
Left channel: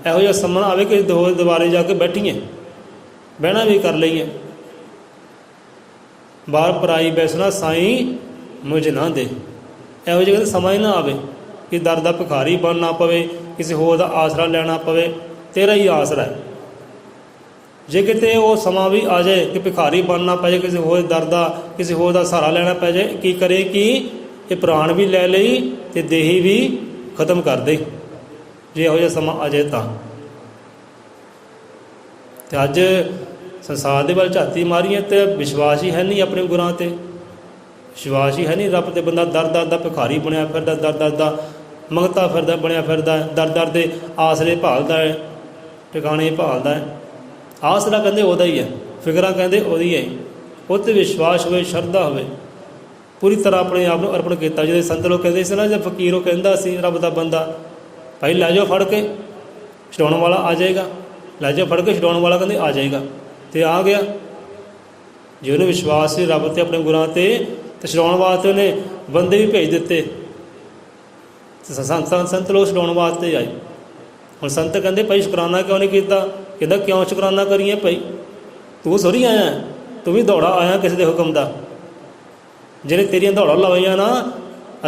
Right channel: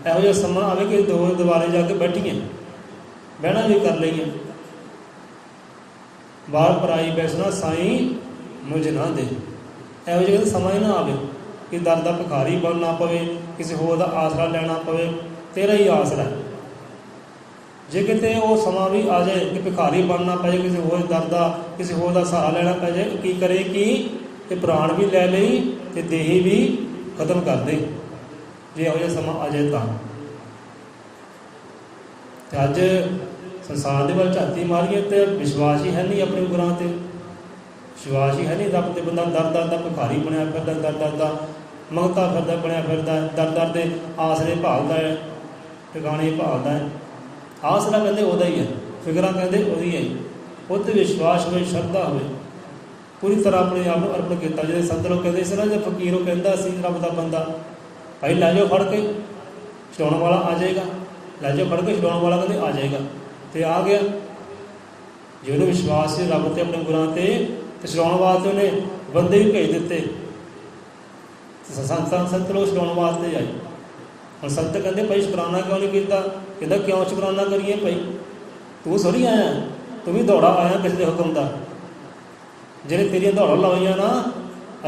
ਇਹੋ ਜਿਹਾ ਸਮਾਂ ਆਵੇ ਕਿ ਦੋ ਦੁਆਰੇ ਜਾ ਕੇ ਬੈਠੀਏ, ਬਹਿਣਾ ਵੀ ਕਰ ਲਈਏ। ਬਾਹਰ ਪਰਾਈ ਬੈਸਣਾ ਸਾਈਂ ਮੁਝ ਨਾ ਦੇ। ਇਹੋ ਜਿਹਾ ਸਮਾਂ ਹੀ ਨਾ ਆਵੇ ਕਿ ਦਰ ਦਾ ਭਿਖਾਰੀ ਬਣਨਾ ਪਵੇ, ਕਿਸੇ ਹੋਰ ਦਾ ਆਸਰਾ ਲੈਣਾ ਪਵੇ। ਤੇਰਾ ਹੀ ਆਸਰਾ ਹੈ। ਜੇ ਕਿਤੇ ਉਹ ਸਮਾਂ ਵੀ ਆ ਜਾਏ ਕਿ ਭਿਖਾਰੀ ਬਣਨਾ ਪੈ ਜਾਏ, ਕਿਸੇ ਹੋਰ ਦਰ ਦਾ, ਕਿਸੇ ਹੋਰ ਦਾ ਸਹਾਰਾ ਲੈਣਾ ਪੈ ਜਾਏ, ਕੀ ਕਰੇ ਕਿ ਇਹ ਪ੍ਰਾਣ ਵੀ ਲੈ ਲਈ ਅਤੇ ਦੇਹੀ ਵੀ ਖਤਮ ਕਰ ਦੇ। ਜੇ ਇਹੋ ਜਿਹਾ ਸਮਾਂ ਆ ਜਾਏ ਤਾਂ। ਅਤੇ ਅੱਜ ਸੰਸਾਰ ਦੇ ਵੱਲ ਝਾਤੀ ਮਾਰੀਏ ਅਤੇ ਵਿਸ਼ਵਾਸ ਹੀ ਹੈ ਨਹੀਂ ਆਪਣੇ ਗੁਰਾਂ 'ਤੇ, ਵਿਸ਼ਵਾਸ ਹੀ ਹੈ ਨਹੀਂ ਰੱਬ 'ਤੇ। ਬੰਦਾ ਦਰ ਦਾ ਭਿਖਾਰੀ ਬਣਿਆ ਫਿਰਦਾ, ਦਰ ਦਾ ਮੰਗਤਾ ਫਿਰਦਾ, ਬਣਿਆ ਫਿਰਦਾ, ਦਰ ਦੇ ਆਸਰੇ ਭਾਲਦਾ ਹੈ, ਟਿਕਾਣੇ ਭਾਲਦਾ ਹੈ। ਆਸਰਾ ਕਹਿੰਦੇ ਉਹਦਾ ਹੀ ਹੈ, ਫਿਕਰਾਂ ਕਹਿੰਦੇ ਉਹਦੀ ਹੈ। ਉਹ 'ਤੇ ਵਿਸ਼ਵਾਸ ਹੋਵੇ, ਸ਼ਰਧਾ ਹੋਵੇ, ਪੂਰੀ ਤਰ੍ਹਾਂ ਆਪਣੇ ਆਪ ਨੂੰ ਅਰਪਣ ਕੀਤਾ। ਜਿਹੜੇ ਸੰਤ ਲੋਕ ਕਹਿੰਦੇ ਸੀ ਨਾ, ਜੇ ਫਕੀਰ ਉਹ ਕਹਿੰਦਾ ਸੀ ਰੱਬ ਦਾ ਬੰਦਾ, ਭਾਈ ਲੈ ਜਾਓ ਫੜ ਕੇ, ਛਡਾਉਣ ਵਾਲਾ ਆ ਜਾਏਗਾ। ਲੈ ਜਾਓ ਫੜ ਕੇ, ਛਡਾਉਣ ਵਾਲਾ ਕਹਿੰਦੇ ਆ ਜਾਏਗਾ। ਅਤੇ ਆ ਗਿਆ। ਜੇ ਉਹਨੂੰ ਵਿਸ਼ਵਾਸ ਸੀ ਰੱਬ 'ਤੇ, ਆਪਣੇ ਗੁਰਾਂ 'ਤੇ, ਅਤੇ ਛਡਾਉਣ ਵਾਸਤੇ ਉਹਨੇ ਬੰਦੇ ਵੀ ਭੇਜ ਦਿੱਤੇ। ਸੰਤ ਲੋਕ ਛਡਾਉਣ ਵਾਸਤੇ ਆਏ। ਹੁਣ ਸੰਤ ਕਹਿੰਦੇ ਭਾਈ ਸ਼ੁਕਰਾਨਾ ਕਿਉਂ ਨਹੀਂ ਕੀਤਾ? ਕਹਿੰਦਾ ਕਿਉਂ ਸ਼ੁਕਰਾਨਾ ਕਰੀਏ ਭਾਈ, ਤੂੰ ਸੋਰੀ ਆਇਆ, ਤੂੰ ਵੀ ਦੌੜਾ ਆਇਆ ਕਿਸੇ ਦੇ ਹੁਕਮ ਦਾ। ਜਿਹਨੇ ਤੇਰੀਆਂ ਦੌੜਾਂ ਲਵਾਈਆਂ ਨਾ,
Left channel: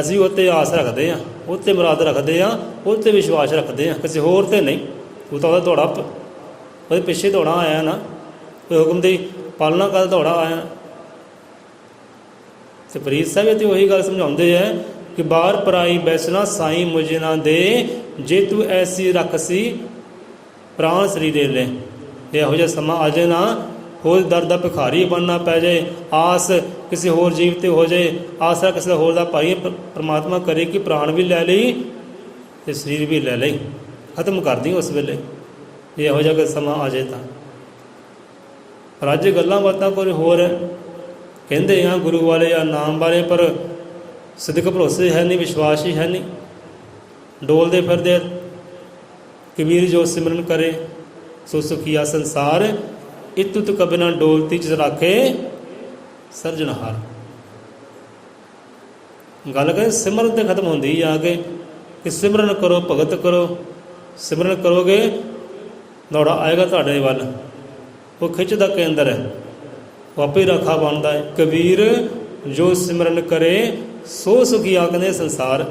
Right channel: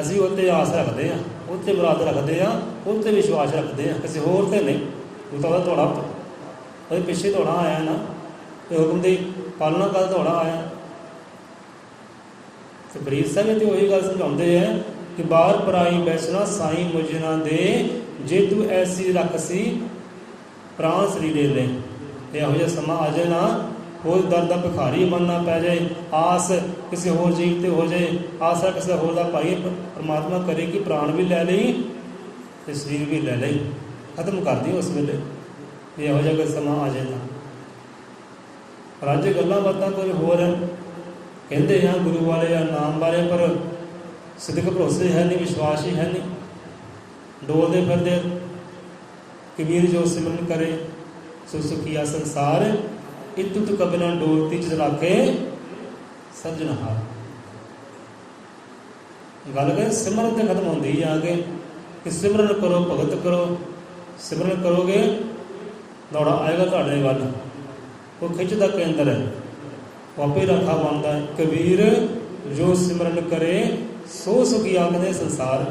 ਅਸੀਂ ਉਹ 'ਤੇ ਆਸ ਰੱਖਦੇ ਹਾਂ, ਉਹ 'ਤੇ ਮੁਰਾਦ ਰੱਖਦੇ ਹਾਂ, ਉਹ 'ਤੇ ਵਿਸ਼ਵਾਸ ਰੱਖਦੇ ਹਾਂ, ਕਿਸੇ ਹੋਰ 'ਤੇ ਨਹੀਂ। ਤੂੰ ਤਾਂ ਉਹਦਾ ਦੌੜਾ, ਉਹਦੇ ਪਿੱਛੇ ਦੌੜਾ ਆਇਆ ਨਾ, ਕੋਈ ਹੁਕਮ ਦੀ ਪਾਲਣਾ ਕਰ ਦੌੜਾ ਆਇਆ। ਅਤੇ ਫਰੀਦ ਸਾਹਿਬ ਤੇ ਉਹੀ ਗੱਲ ਸਮਝਾਉਂਦੇ ਹੈ ਕਿ ਬਾਹਰ ਪਰਾਈ ਬੈਸਣਾ ਸਾਈਂ ਮੁਝੇ ਨਾ ਦੇ, ਜੇ ਤੂੰ ਐਸੀ ਰੱਖਸੀ ਪ੍ਰਾਣ ਸਰੀਰੇ ਲੈ। ਇਹੋ ਜਿਹਾ ਸਮਾਂ ਆ ਜਾਏ ਨਾ, ਹੋਰ ਦਰ ਦਾ ਭਿਖਾਰੀ ਬਣਨਾ ਪੈ ਜਾਏ, ਆਸ ਕਿਸੇ ਹੋਰ ਜੀਵ 'ਤੇ ਹੋ ਜਾਏ, ਆਸਰਾ ਕਿਸੇ ਹੋਰ ਦਾ ਭਾਈ ਪਰਮਾਤਮਾ ਕਰੇ ਕਿ ਪ੍ਰਾਣ ਵੀ ਲੈ ਲਈ ਅਤੇ ਸਰੀਰ ਵੀ ਲੈ ਲਈ, ਖਤਮ ਕਰਦੀ ਉਸ ਵੇਲੇ। ਜੇ ਇਹੋ ਜਿਹਾ ਸਮਾਂ ਆ ਜਾਏ ਤਾਂ। ਪਰ ਅੱਜ ਗੱਲਾਂ ਬਾਤਾਂ ਕੋਈ ਹੋਰ ਕਹਿੰਦੇ ਆ ਗੁਰੂ ਵਾਲੇ ਆ, ਨਾਮ ਵਾਲੇ, ਪਰ ਸਿੱਧਕ ਭਰੋਸੇ ਹੈ ਨਹੀਂ, ਵਿਸ਼ਵਾਸ ਹੀ ਹੈ ਨਹੀਂ। ਡੋਲਦੇ ਫਿਰਦੇ। ਕਬੀਰ ਜੋ ਸਿਮਰਨ ਕਰੇ ਸੋ ਸੁਖੀਆ ਸੰਸਾਰ, ਇਤੁਤ ਕਬਿ ਨਾ ਡੋਲਤੀ ਜਿਸ ਰਾਖੇ ਸਰਜਨਹਾਰ। ਗੱਲ ਕਰੇ ਸਿਮਰਨ 'ਤੇ ਖਤਮ ਹੁੰਦੀ ਆ ਕੇ ਕਿ ਸਿਮਰਨ ਕਰੋ, ਭਗਤ ਕਰੋ। ਸਿਮਰਨ ਕਰੋਗੇ ਦੌੜਾ ਆਏਗਾ ਤੁਹਾਡੇ ਵੱਲ। ਉਹ ਖਿੱਚ ਦਾ ਕੇਂਦਰ ਹੈ, ਉਹ ਆਪੇ ਰਾਖਾ ਬਣਦਾ ਹੈ। ਕਬੀਰ ਜੋ ਸਿਮਰਨ ਕਰੇ ਸੋ ਸੁਖੀਆ, ਕਹਿੰਦੇ ਸੰਸਾਰ।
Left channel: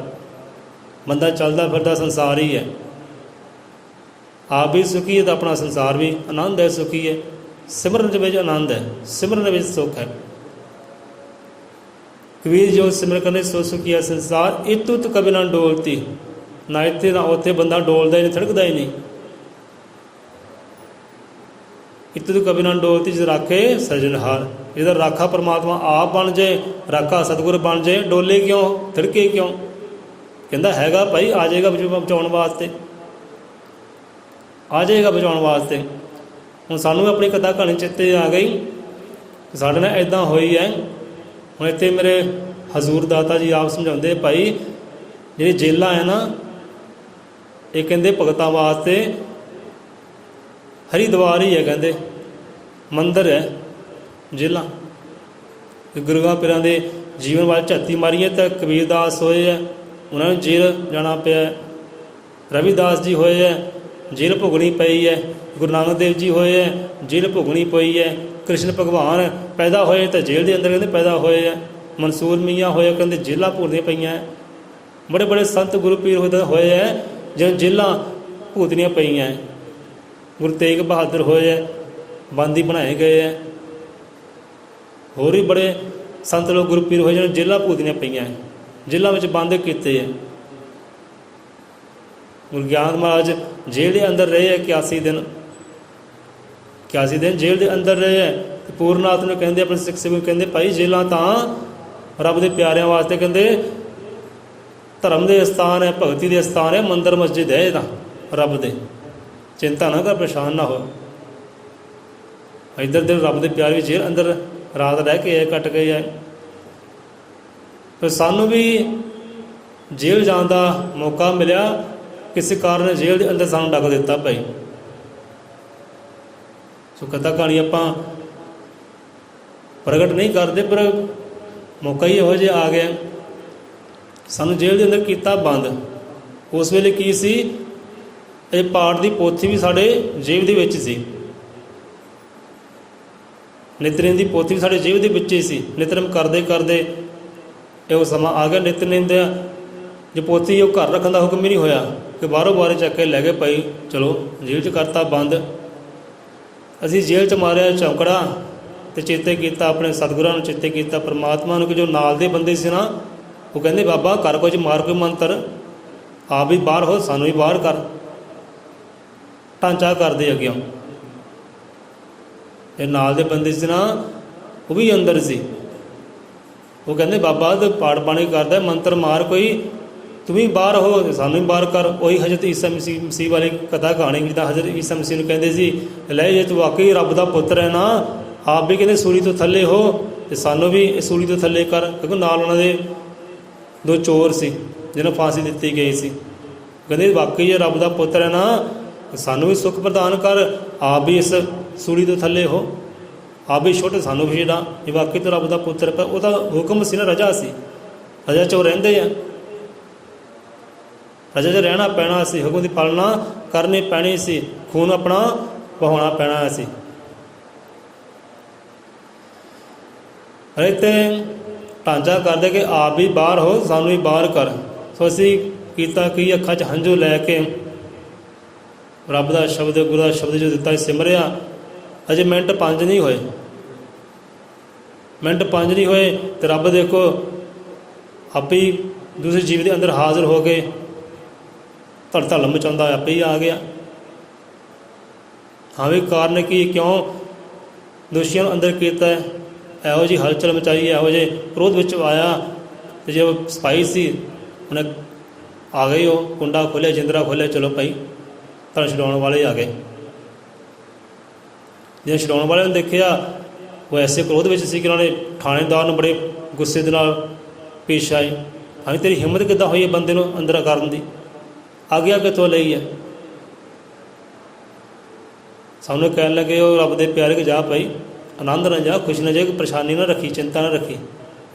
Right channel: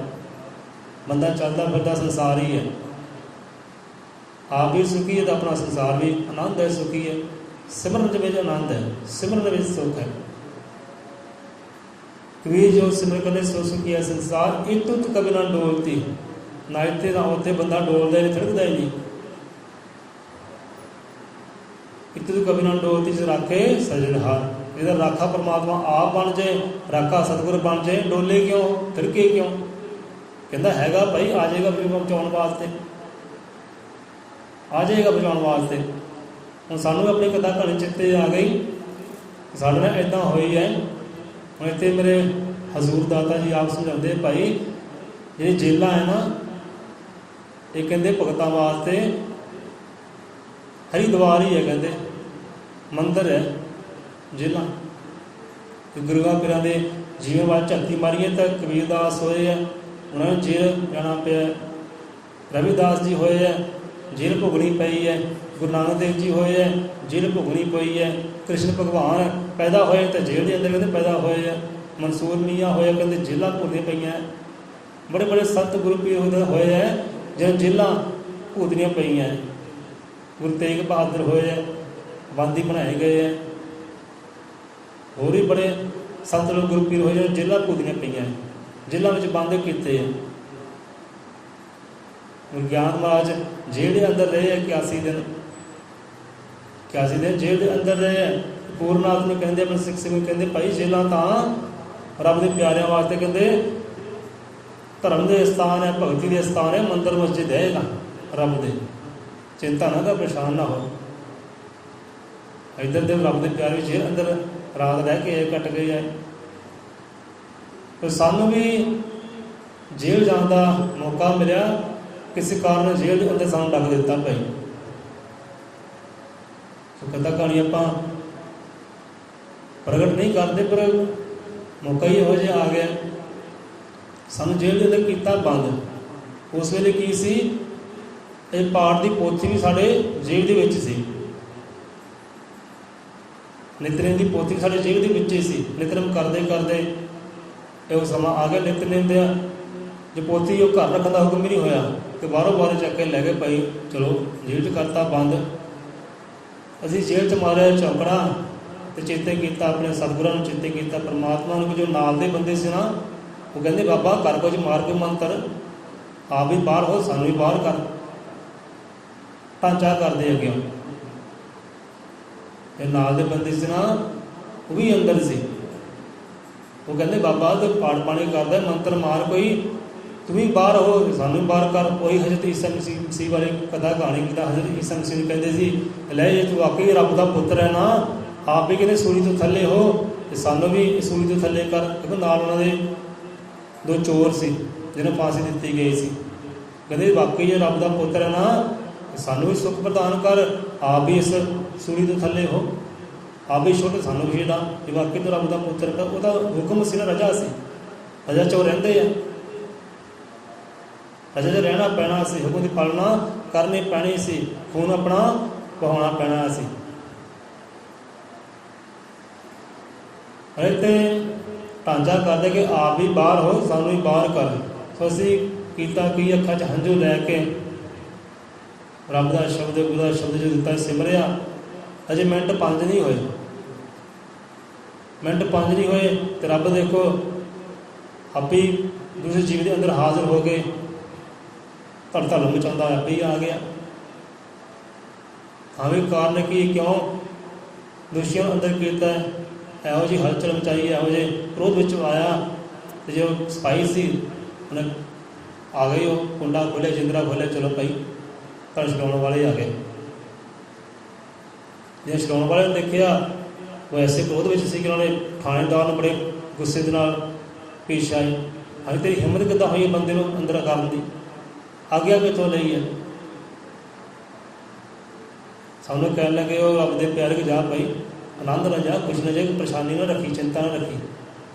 ਬੰਦਾ ਚੱਲਦਾ ਫਿਰਦਾ ਸੰਸਾਰ ਹੀ ਹੈ, ਆਪ ਵੀ ਸੁਖੀ ਹੈ ਤਾਂ ਆਪਣਾ ਸੰਸਾਰ ਵੀ ਆਨੰਦ ਹੈ, ਸੁਖੀ ਹੈ। ਸਿਮਰਨ ਦੇ ਵਿੱਚ ਆਨੰਦ ਹੈ, ਸਿਮਰਨ ਵਿੱਚ ਸੁੱਖ ਹੈ। ਕਬੀਰ ਜੋ ਸਿਮਰਨ ਕਰੇ ਸੋ ਸੁਖੀਆ ਸੰਸਾਰ, ਇਤੁਤ ਕਬਿ ਨਾ ਡੋਲਤੀ। ਨਾ ਇੱਥੇ ਨਾ ਉੱਥੇ ਬੰਦਾ ਡੋਲਦਾ ਹੀ ਨਹੀਂ, ਥੜਕਦਾ ਹੀ ਨਹੀਂ। ਇਤੁਤ ਕਬਿ ਨਾ ਡੋਲਤੀ ਜਿਸ ਰਾਖੇ ਸਰਜਨਹਾਰ। ਜਿਹਦਾ ਰਾਖਾ ਪਰਮਾਤਮਾ ਆਪ ਬਣ ਜਾਏ, ਰਾਖਾ ਸਤਿਗੁਰ ਬਣ ਜਾਏ, ਡੋਲੇ ਕਿਉਂ, ਥਿੜਕੇ ਕਿਉਂ? ਕਹਿੰਦਾ ਹੈਗਾ ਭਾਈ, ਆ ਜਾਏਗਾ ਬਚਾਉਣ ਵਾਸਤੇ, ਆ ਜਾਏਗਾ ਬਚਾਉਣ ਵਾਸਤੇ। ਹੁਣ ਸਾਨੂੰ ਆਪਣੀ ਕਥਾ ਕਹਾਣੀ ਚਿੱਤੇ ਆ ਗਈ, ਸਾਡੇ ਨਾਲ ਇੱਦਾਂ ਹੋਈ ਹੈ। ਹੁਣ ਇੱਥੇ ਮੇਰੇ ਹਜ਼ੂਰ ਦਾਤਾ ਜੀ ਆਪ ਸਮਝਾਉਂਦੇ, ਭਾਈ ਜਿਹੜੀ ਜੇਲਾਂ ਹੈ ਨਾ, ਇਹ ਕਹਿੰਦੇ ਭਗਤਾਂ ਵਾਸਤੇ ਹਰਿਦੁਆਰ ਹੀ ਹੈ, ਕਹਿੰਦੇ ਮੰਦਰ ਹੈ ਜੇਲਾਂ। ਗੁਰੂਆਂ ਪੀਰਾਂ ਦੇ ਜੀਵਨ ਵੱਲ ਝਾਤੀ ਮਾਰੀਏ ਤਾਂ ਕਬੀਰਦਾਸ ਹੋਏ ਹੈ, ਉਹਨਾਂ ਨੂੰ ਜੇਲ੍ਹ ਜਾਣਾ ਪਿਆ। ਰਵਿਦਾਸ ਜੀ ਹੋਏ ਹੈ, ਜੇਲ੍ਹ ਭੁਗਣੀ ਪਈ ਹੈ। ਗੁਰੂ ਨਾਨਕ ਦੇਵ ਜੀ ਹੋਏ ਹੈ, ਜੇਲ੍ਹ ਭੁਗਣੀ ਪਈ ਹੈ। ਕ੍ਰਿਸ਼ਨ ਭਗਵਾਨ ਪੈਦਾ ਹੋਏ ਤਾਂ ਜੇਲ੍ਹ ਦੇ ਅੰਦਰ ਕਹਿੰਦੇ ਪੈਦਾ ਹੋਏ ਹੈ। ਮਨਸੂਰ ਮੀਆਂ ਹੋਏ, ਕਹਿੰਦੇ ਜੇਲ੍ਹਾਂ ਭੁਗਣੀਆਂ ਪਈਆਂ। ਬੜੇ ਬੜੇ ਸੰਤ ਗੁਰੂ ਪੀਰ ਹੋਏ ਹੈ ਜਿਹਨਾਂ ਜੇਲ੍ਹਾਂ ਭੁਗਤਣੀਆਂ ਪਈਆਂ। ਗੁਰੂ ਤੇਗ ਬਹਾਦਰ ਹੋਏ ਹੈ, ਬੰਦੀ ਬਣਾਏ ਗਏ ਹੈ। ਹੋਰ ਵੀ ਬੜੇ ਸੰਤ ਲੋਕ ਗੁਰੂ ਪੀਰ ਹੋਏ ਜਿਹਨਾਂ ਜੇਲ੍ਹਾਂ ਭੁਗਤਣੀਆਂ ਪਈਆਂ, ਜੇਲ੍ਹਾਂ ਵਿੱਚ ਬੰਦ ਕੀਤੇ ਹੈ। ਗੁਰੂ ਗਿਆਨ ਮਹਾਰਾਜ ਜੇਲ੍ਹ ਦੇ ਅੰਦਰ ਰਹੇ ਹੈ 81 ਦਿਨ, 81 ਦਿਨ ਜੇਲ੍ਹ ਦੇ ਅੰਦਰ ਰਹੇ ਹੈ। ਪੂਰਨਾਥ ਨੂੰ ਕਹਿੰਦੇ, ਆਪਣੇ ਸਿੱਖ ਸਿੰਘ ਨੂੰ ਕਹਿੰਦੇ, ਭਾਈ ਜੇਲ੍ਹਾਂ ਤਾਂ ਰੱਬ ਦੇ ਪਿਆਰਿਆਂ ਵਾਸਤੇ ਕਹਿੰਦੇ ਧਰਮ ਦੇ ਸਥਾਨ ਹੈ, ਭਗਤੀ ਦੇ ਸਥਾਨ ਹੈ, ਮੰਦਰ ਮਸਜਿਦ ਹੈ ਇਹ ਤਾਂ ਰੱਬ ਦੇ। ਚਿੰਤਾ ਨਾ ਕਰ, ਪਰੇਸ਼ਾਨ ਨਾ ਹੋ। ਇੱਧਰ ਦੇ ਰੱਬ ਦੇ ਪਿਆਰੇ ਵੀ ਜੇਲ੍ਹ ਅੰਦਰ ਰਾਤ ਰਹਿ ਕੇ ਕੱਟ ਗਏ ਹੈ। ਫਿਰ ਸਾਨੂੰ ਵੀ ਜੇਲ੍ਹ ਜਾਣ ਦਾ ਮੌਕਾ ਮਿਲਿਆ, ਕਿਸੇ ਕਾਰਨ ਜੇਲ੍ਹ ਦੇ ਅੰਦਰ ਸਾਨੂੰ ਡੱਕ ਦਿੱਤਾ ਭਾਈ। ਸੋ ਕਥਾ ਕਹਾਣੀ ਆਪਾਂ ਪ੍ਰਗਟ ਨਹੀਂ ਕਰਦੇ, ਪਰ ਮੌਕਾ ਹੀ ਇਹੋ ਜਿਹਾ ਆ ਗਿਆ। ਸਾਨੂੰ ਜੇਲ੍ਹ ਦੇ ਅੰਦਰ ਕੀਤਾ ਬੰਦ। ਉਸ ਵੇਲੇ ਕੀ ਸੀ, ਇਹ ਪਾਠ ਦੀ ਪੋਥੀ ਵੀ ਸਾਡੇ ਜੇਬ ਦੇ ਵਿੱਚ ਸੀ, ਨਿਤਨੇਮ ਦੀ ਪੋਥੀ ਵੀ ਸਾਡੇ ਜੇਬ ਦੇ ਵਿੱਚ ਹੀ ਸੀ। ਨਿਤਨੇਮ ਕਰਦੇ ਕਰਦੇ ਇਹੋ ਸਮਾਂ ਆ ਗਿਆ। ਨਿਤਨੇਮ ਦੇ ਜੇ ਪੋਥੀ ਉਹ ਘਰ ਰੱਖਣ ਦਾ ਹੁਕਮ ਹੀ ਨਹੀਂ ਹੋਇਆ ਕਿ ਬਾਹਰੋਂ ਬਾਹਰ ਚੱਕ ਕੇ ਲੈ ਗਏ ਭਾਈ, ਚਲੋ ਜੇਲ੍ਹ 'ਚ ਕਰਤਾ ਬੰਦ। ਅਸੀਂ ਜੇਲ੍ਹ 'ਚ ਮਾਰਿਆ ਚੌਕੜਾ ਅਤੇ ਚੇਤੇ ਕੀਤਾ ਆਪਣੇ ਸਤਿਗੁਰਾਂ ਨੂੰ, ਚੇਤੇ ਕੀਤਾ ਪਰਮਾਤਮਾ ਨੂੰ। ਕਿ ਜੋ ਨਾਲ ਦੇ ਬੰਦੇ ਸੀ ਨਾ, ਉਹ ਕਹਿੰਦੇ ਬਾਬਾ ਕਰ ਕੁਝ, ਮਾਰ ਕੋਈ ਮੰਤਰ, ਆਪ ਵੀ ਬਾਹਰ ਹੋ, ਸਾਨੂੰ ਵੀ ਬਾਹਰ ਕਰ। ਢਾਂਚਾ ਕਰਦੇ ਅੱਗੇ। ਇਹ ਨਾਲ ਦੇ ਬੰਦੇ ਸੀ ਨਾ, ਉਹ ਵੀ ਅੰਦਰ ਸੀ। ਉਹ ਕਹਿੰਦੇ ਬਾਬਾ ਤੇ ਪਾੜ ਪਾਣੀ ਕਰਦਾ, ਮੰਤਰ ਮਾਰ ਕੋਈ, ਤੂੰ ਵੀ ਬਾਹਰ ਹੋ, ਸਾਨੂੰ ਵੀ ਬਾਹਰ ਕਰ। ਉਹੀ ਹਜ਼ਰਤ ਈਸਾ ਮਸੀਹ ਵਾਲੀ ਕਥਾ ਕਹਾਣੀ, ਜਿੱਦਾਂ ਹਜ਼ਰਤ ਈਸਾ ਮਸੀਹ ਨੂੰ ਕਹਿੰਦੇ ਸੀ, ਲੈ ਜੇ ਤੂੰ ਵਾਕਈ ਰੱਬ ਦਾ ਪੁੱਤਰ ਹੈ ਨਾ, ਆਪ ਵੀ ਕਹਿੰਦੇ ਸੂਲੀ ਤੋਂ ਥੱਲੇ ਹੋ ਅਤੇ ਸਾਨੂੰ ਵੀ ਇਹ ਸੂਲੀ ਤੋਂ ਥੱਲੇ ਕਰ। ਕਿਉਂਕਿ ਨਾਲ ਉਹਨਾਂ ਦੇ 2 ਚੋਰ ਸੀ ਜਿਹਨੂੰ ਫਾਂਸੀ ਦਿੱਤੀ ਗਈ ਸੀ। ਕਹਿੰਦੇ ਵਾਕਈ ਜੇ ਰੱਬ ਦਾ ਪੁੱਤਰ ਹੈ ਨਾ, ਸਾਨੂੰ ਵੀ ਸੁੱਖ ਪ੍ਰਦਾਨ ਕਰ, ਆਪ ਵੀ ਇਸ ਸੂਲੀ ਤੋਂ ਥੱਲੇ ਹੋ, ਆਪ ਵੀ ਛੋਟੇ, ਸਾਨੂੰ ਵੀ ਛੇੜਾ। ਇਹ ਵਾਕਈ ਤੋਂ ਰੱਬ ਦਾ ਪੁੱਤਰ ਕਰ। ਉਹਦਾ ਹੁਕਮ ਸੀ ਨਾ, ਰਜਾ ਸੀ, ਰਜਾ 'ਚ ਉਹ ਰਹਿੰਦੇ ਆ, ਰਜਾ 'ਚ ਰਹਿਣਾ ਪੈਣਾ ਸੀ, ਹੁਕਮ ਦੀ ਪਾਲਣਾ ਕਰਨੀ ਪੈਣੀ ਸੀ, ਖੂਨ ਆਪਣਾ ਵਹਾਉਣਾ ਪੈਣਾ ਸੀ। ਅਤੇ ਢਾਂਚਾ ਕਰਦੇ ਕਿ ਆਪ ਵੀ ਬਾਹਰ ਹੋ, ਸਾਨੂੰ ਵੀ ਬਾਹਰ ਕਰ। ਸੋ ਅਸੀਂ ਕੀਤਾ ਕੀ, ਅੱਖਾਂ 'ਚ ਹੰਝੂ ਲੈ ਕੇ ਰੱਬ ਦਾ ਸ਼ਬਦ, ਗੁਰੂ ਦਾ ਸ਼ਬਦ ਜੋ ਦਿੱਤਾ ਸਿਮਰਿਆ। ਅਜੇ ਮਿੰਟ 5 ਨਹੀਂ ਹੋਏ, ਮਿੰਟ 5 ਨਹੀਂ ਹੋਏ ਅਤੇ ਰੱਬ ਦੇਖੋ ਆਪੇ ਹੀ ਦੂਸਰੇ ਜੀਵ ਦੇ ਅੰਦਰ ਹਾਜ਼ਰ ਹੋ ਕੇ ਧੜ ਮਚਾਉਂਦਾ ਆਪੇ ਹੀ ਆ ਗਿਆ। ਹਾਂ ਵੀ ਕਾਰਨ ਕੀ, ਕਿਉਂ ਦੋਸ਼ੀਆਂ ਨੂੰ ਅੰਦਰ ਕੀਤਾ, ਇਹੋ ਜਿਹੀ ਹਲਚਲ ਮਚਾਈ, ਇਹੋ ਜਿਹੇ ਕ੍ਰੋਧ ਵਿੱਚ ਆਇਆ। ਅਤੇ ਜੇ ਉਹ ਸਿਪਾਹੀ ਸੀ, ਉਹਨੇ ਆ ਗਏ, ਉਹ ਕੁੰਡਾ ਖੋਲ੍ਹਿਆ, ਜਿੰਦਰਾ ਖੋਲ੍ਹਿਆ, ਚਲੋ ਭਾਈ ਧੜ ਛਡਾਉਣ ਵਾਲੇ ਆ ਗਏ। ਜੇ ਛਡਾਉਣ ਵਾਲਿਆਂ ਨੇ ਦੇਖਿਆ, ਉਹ ਐਸੇ ਕ੍ਰੋਧ ਵਿੱਚ ਸੀ ਕਿ ਉਹਨਾਂ ਨੇ ਥਾਣੇਦਾਰ ਨੂੰ ਬੜੇ ਗੁੱਸੇ ਦੇ ਨਾਲ ਪੇਸ਼ ਆਏ। ਹਾਂ ਤੇਰੀ ਹਿੰਮਤ ਕਿੱਦਾਂ ਹੋਈ ਹੈ ਬੰਦੇ ਨੂੰ ਅੰਦਰ ਕਰਨ ਦੀ, ਆਗਿਆ ਕਿੱਥੋਂ ਲਈ ਹੈ? ਸਾਨੂੰ ਕਹਿਣ ਲੱਗੇ, ਉਹ ਰੱਬ ਦੇ ਪਿਆਰੇ ਕਿ ਜਾ ਭਾਈ, ਆਨੰਦ ਨਾ ਜਾ, ਖੁਸ਼ ਨਾ ਜਾ, ਕੋਈ ਪਰੇਸ਼ਾਨੀ ਨਾ ਰੱਖੀ, ਚਿੰਤਾ ਨਾ ਰੱਖੀ।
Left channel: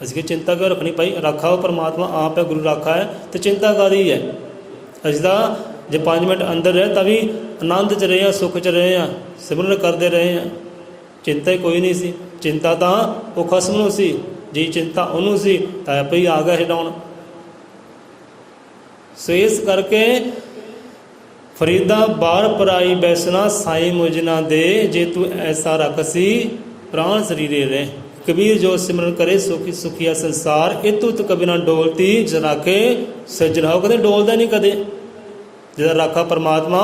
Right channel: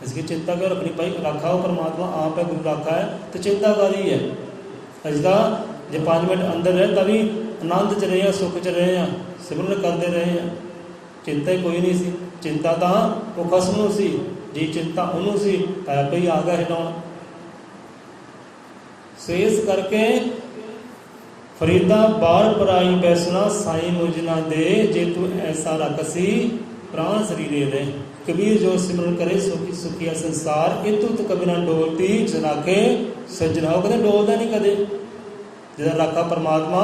ਅਸੀਂ ਕਿ ਚਿੰਤਾ ਕਿਉਂ ਰੱਖਣੀ ਭਾਈ, ਰਾਖਾ ਉਹ ਪਰਮਾਤਮਾ ਆਪ ਹੈ, ਗੁਰੂ ਰਾਖਾ ਹੈ, ਅਤੇ ਚਿੰਤਾ ਕਾਹਦੀ ਹੈ? ਅਸੀਂ ਤਾਂ ਜੇ 5 ਮਿੰਟ ਅੰਦਰ ਰਹੇ ਤਾਂ ਵੀ ਆਨੰਦ 'ਚ ਰਹੇ ਹਾਂ, ਸੁੱਖ 'ਚ ਰਹੇ ਹਾਂ, ਸਿਮਰਨ ਕਰਦੇ ਰਹੇ ਹਾਂ, ਚਿੰਤਾ ਹੀ ਕੋਈ ਨਹੀਂ ਸੀ। ਚਿੰਤਾ ਤਾਂ ਉਹ ਖਸਮ ਨੂੰ ਸੀ, ਜੀ ਚਿੰਤਾ ਉਹਨੂੰ ਸੀ ਤਾਂ ਆਪੇ ਹੀ ਆ ਗਿਆ ਛਡਾਉਣ। ਸੋ ਇਸ ਕਰਕੇ ਫਰੀਦਾ ਬਾਹਰ ਪਰਾਈ ਬੈਸਣਾ, ਸਾਈ ਮੁਝ ਨਾ ਦੇ, ਜੇ ਤੂੰ ਐਸਾ ਰੱਖਸੀ ਪ੍ਰਾਣ ਸਰੀਰੇ ਰਹਿ। ਕਬੀਰ ਜੋ ਸਿਮਰਨ ਕਰੇ ਸੁਖੀ ਸੁਖੀਆ ਸੰਸਾਰ, ਇਹ ਤੁਤ ਕਬੀ ਨਾ ਡੋਲਤੀ ਜਨਾ ਕੇ ਸਜਰਾਓ। ਕਦੇ ਡੋਲਦਾ ਨਹੀਂ ਕਦੇ, ਜਿਹਦਾ ਰਾਖਾ ਪਰਮਾਤਮਾ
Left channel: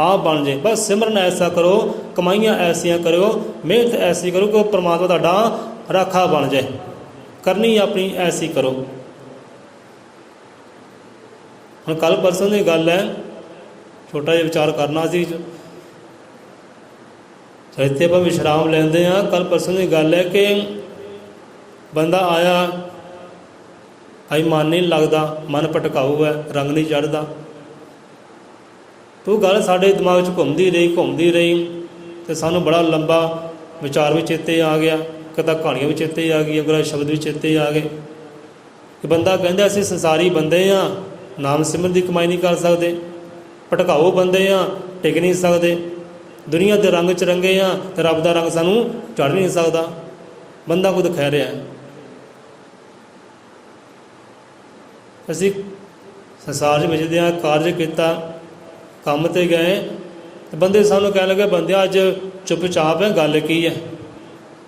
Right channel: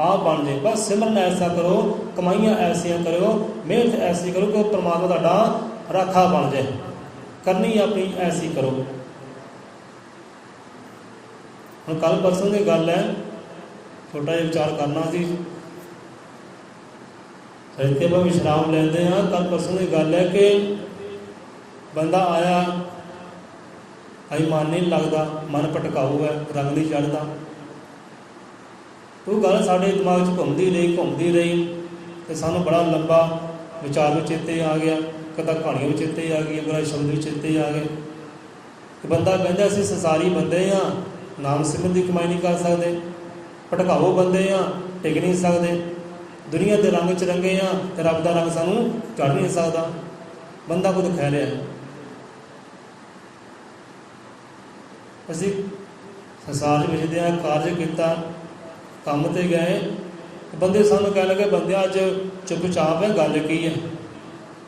ਆਪ ਬਣ ਜਾਏ। ਬਸ ਸਿਮਰਨ ਐਸਾ ਕਰੋ, ਕਮਾਈਆਂ ਐਸੀਆਂ ਕਰੋ, ਮਿਹਨਤ ਐਸੀ ਕਰੋ ਕਿ ਪਰਮਾਤਮਾ ਤੁਹਾਡਾ राखा बन जाए। करनी अपनी ऐसी करो। हम कल परसों की गल है, छोटा जिहा विचार करना सी, इत्थे आपां विश्राम लेंदे हाँ। कल परसों की गल है कि बंदा आया, आई मन नहीं लगता, मन भटकाऊ है, रंग नहीं चढ़ता। तो गल साढ़े दिमाग च घूमती रही तो सानू बड़ा लंबा विचार भी चेते आ गया, कदा कहानियां भी चेते आ गई, अगला शब्द भी चेते आ गए कि बंदा कहता असीं संसारी बंदे हाँ, नाम सिमरन की कमाई नहीं कर सकते, भटकाऊ बंदे हाँ, टिक नहीं सकते, दुनिया के रंग च रंगे हाँ तो रब का रंग सानू चढ़ नहीं सकता। बंदा खुद कह रहा है। असीं संसार में हाँ, कार्य किया, काम ते गए, बंदे सानू कह लगे बंदे अज चुपचाप है, गल की है,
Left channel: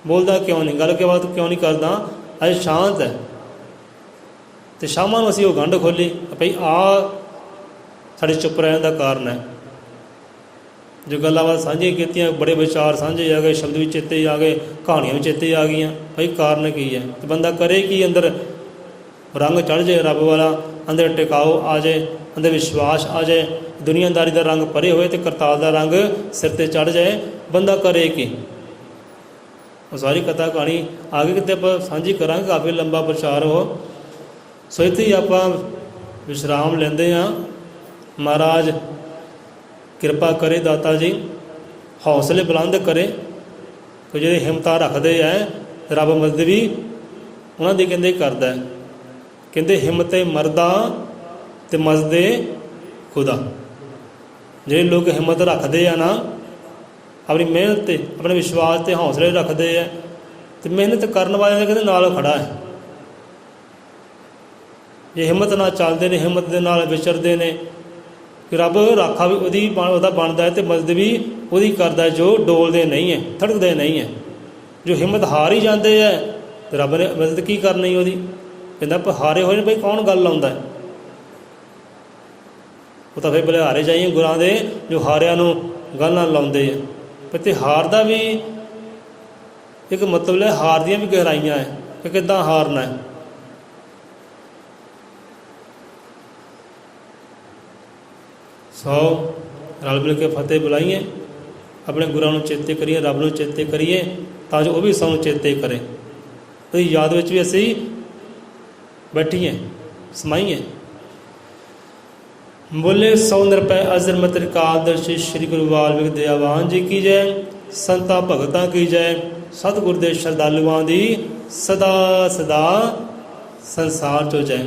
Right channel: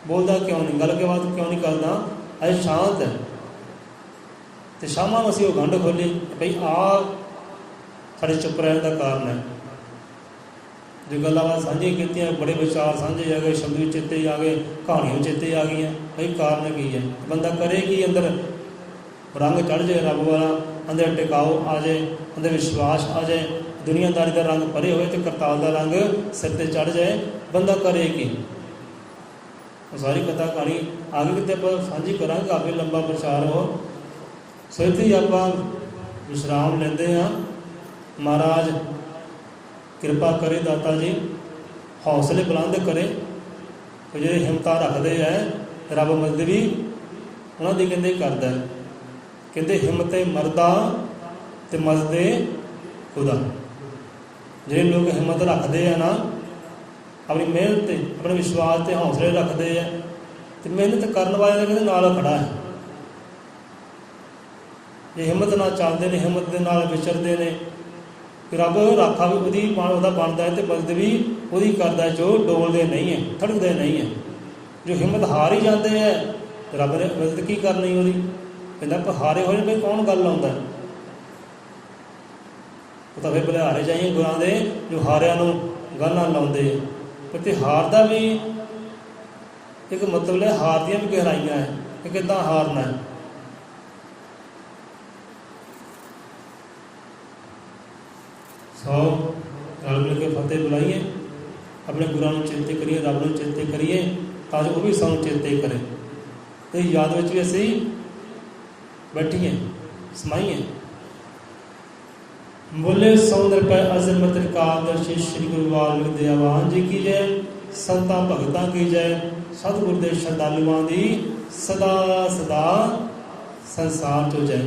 बोलता क्यों नहीं, गल के बाद क्यों नहीं करता, अज शांत है। तो शाम को असीं वो गंढ खोली भाई आ साढ़े चुप रहने का कारण है। जो गल्लां साझियां कीतियां, बड़े विचार साझे आ गए, शब्द भी चेते आ गए, कहानियां भी चेते आ गई, भाई कारण की है। तो बंदा करे कि अंदर रंग चढ़ जाए रब वाला, अंदर टिकाओ आ जाए, अंदर विश्वास आ जाए, दुनियादारी का रंग परे होए तो करताल का रंग सिर ते चढ़ जाए। बंदा करे कि वो सारी कथा कहानी आगे कितने आप साझी करा, काफ़ी लंबा प्रचार हो। सो इत्थे ही आप विश्राम लेंदे हाँ। महाराज किरपा करे, दाता जी हौसले बुलंद करे, कोई जो हिम्मत रखते हैं रब मदद भी उन्होंने कहते करता है। कहते हिम्मत मरदा तो मजदे खुदा। जो लोग हिम्मत रखते हैं ना, अपनी मेहनत से, अपने विश्वास से हौसले रखते हैं, तो मेहनत करने वाले कहते नाल खड़ा है। जे हिम्मत ना चलते हैं, हिम्मत के नाल विचरते हैं, रब राखा भी वही बनता है, तो मदद भी वही करता है जो डोलते नहीं है, थड़कते नहीं है। जो हिम्मत हार ही जाते हैं तो रब ने मदद की करनी वो कहता हारे होए भाई कौन गल लाता है। वो तो फिर बलिहारे जाइए गुरां दे जो हारिया गल ना लाते हैं। तो हार का भी एक मतलब है, हार दियाँ भी गहराइयाँ है कि कितना हारना है। सौ रल मिल के फतेह बुलाइए, अपने गुरुओं को चेते करिए, रब को चेते करिए, तां जो वो भी सानू चेते करे। तो याद में भी असी बैठिए समाइए। बोले 100 रुपये अजर मत कादर्शी श्री गुरु वाल्मीकि दयावान जी की जय। संतां भगतां की जय। सतगुर दे श्रद्धालुआं दी सदा सदा संसार चो जय।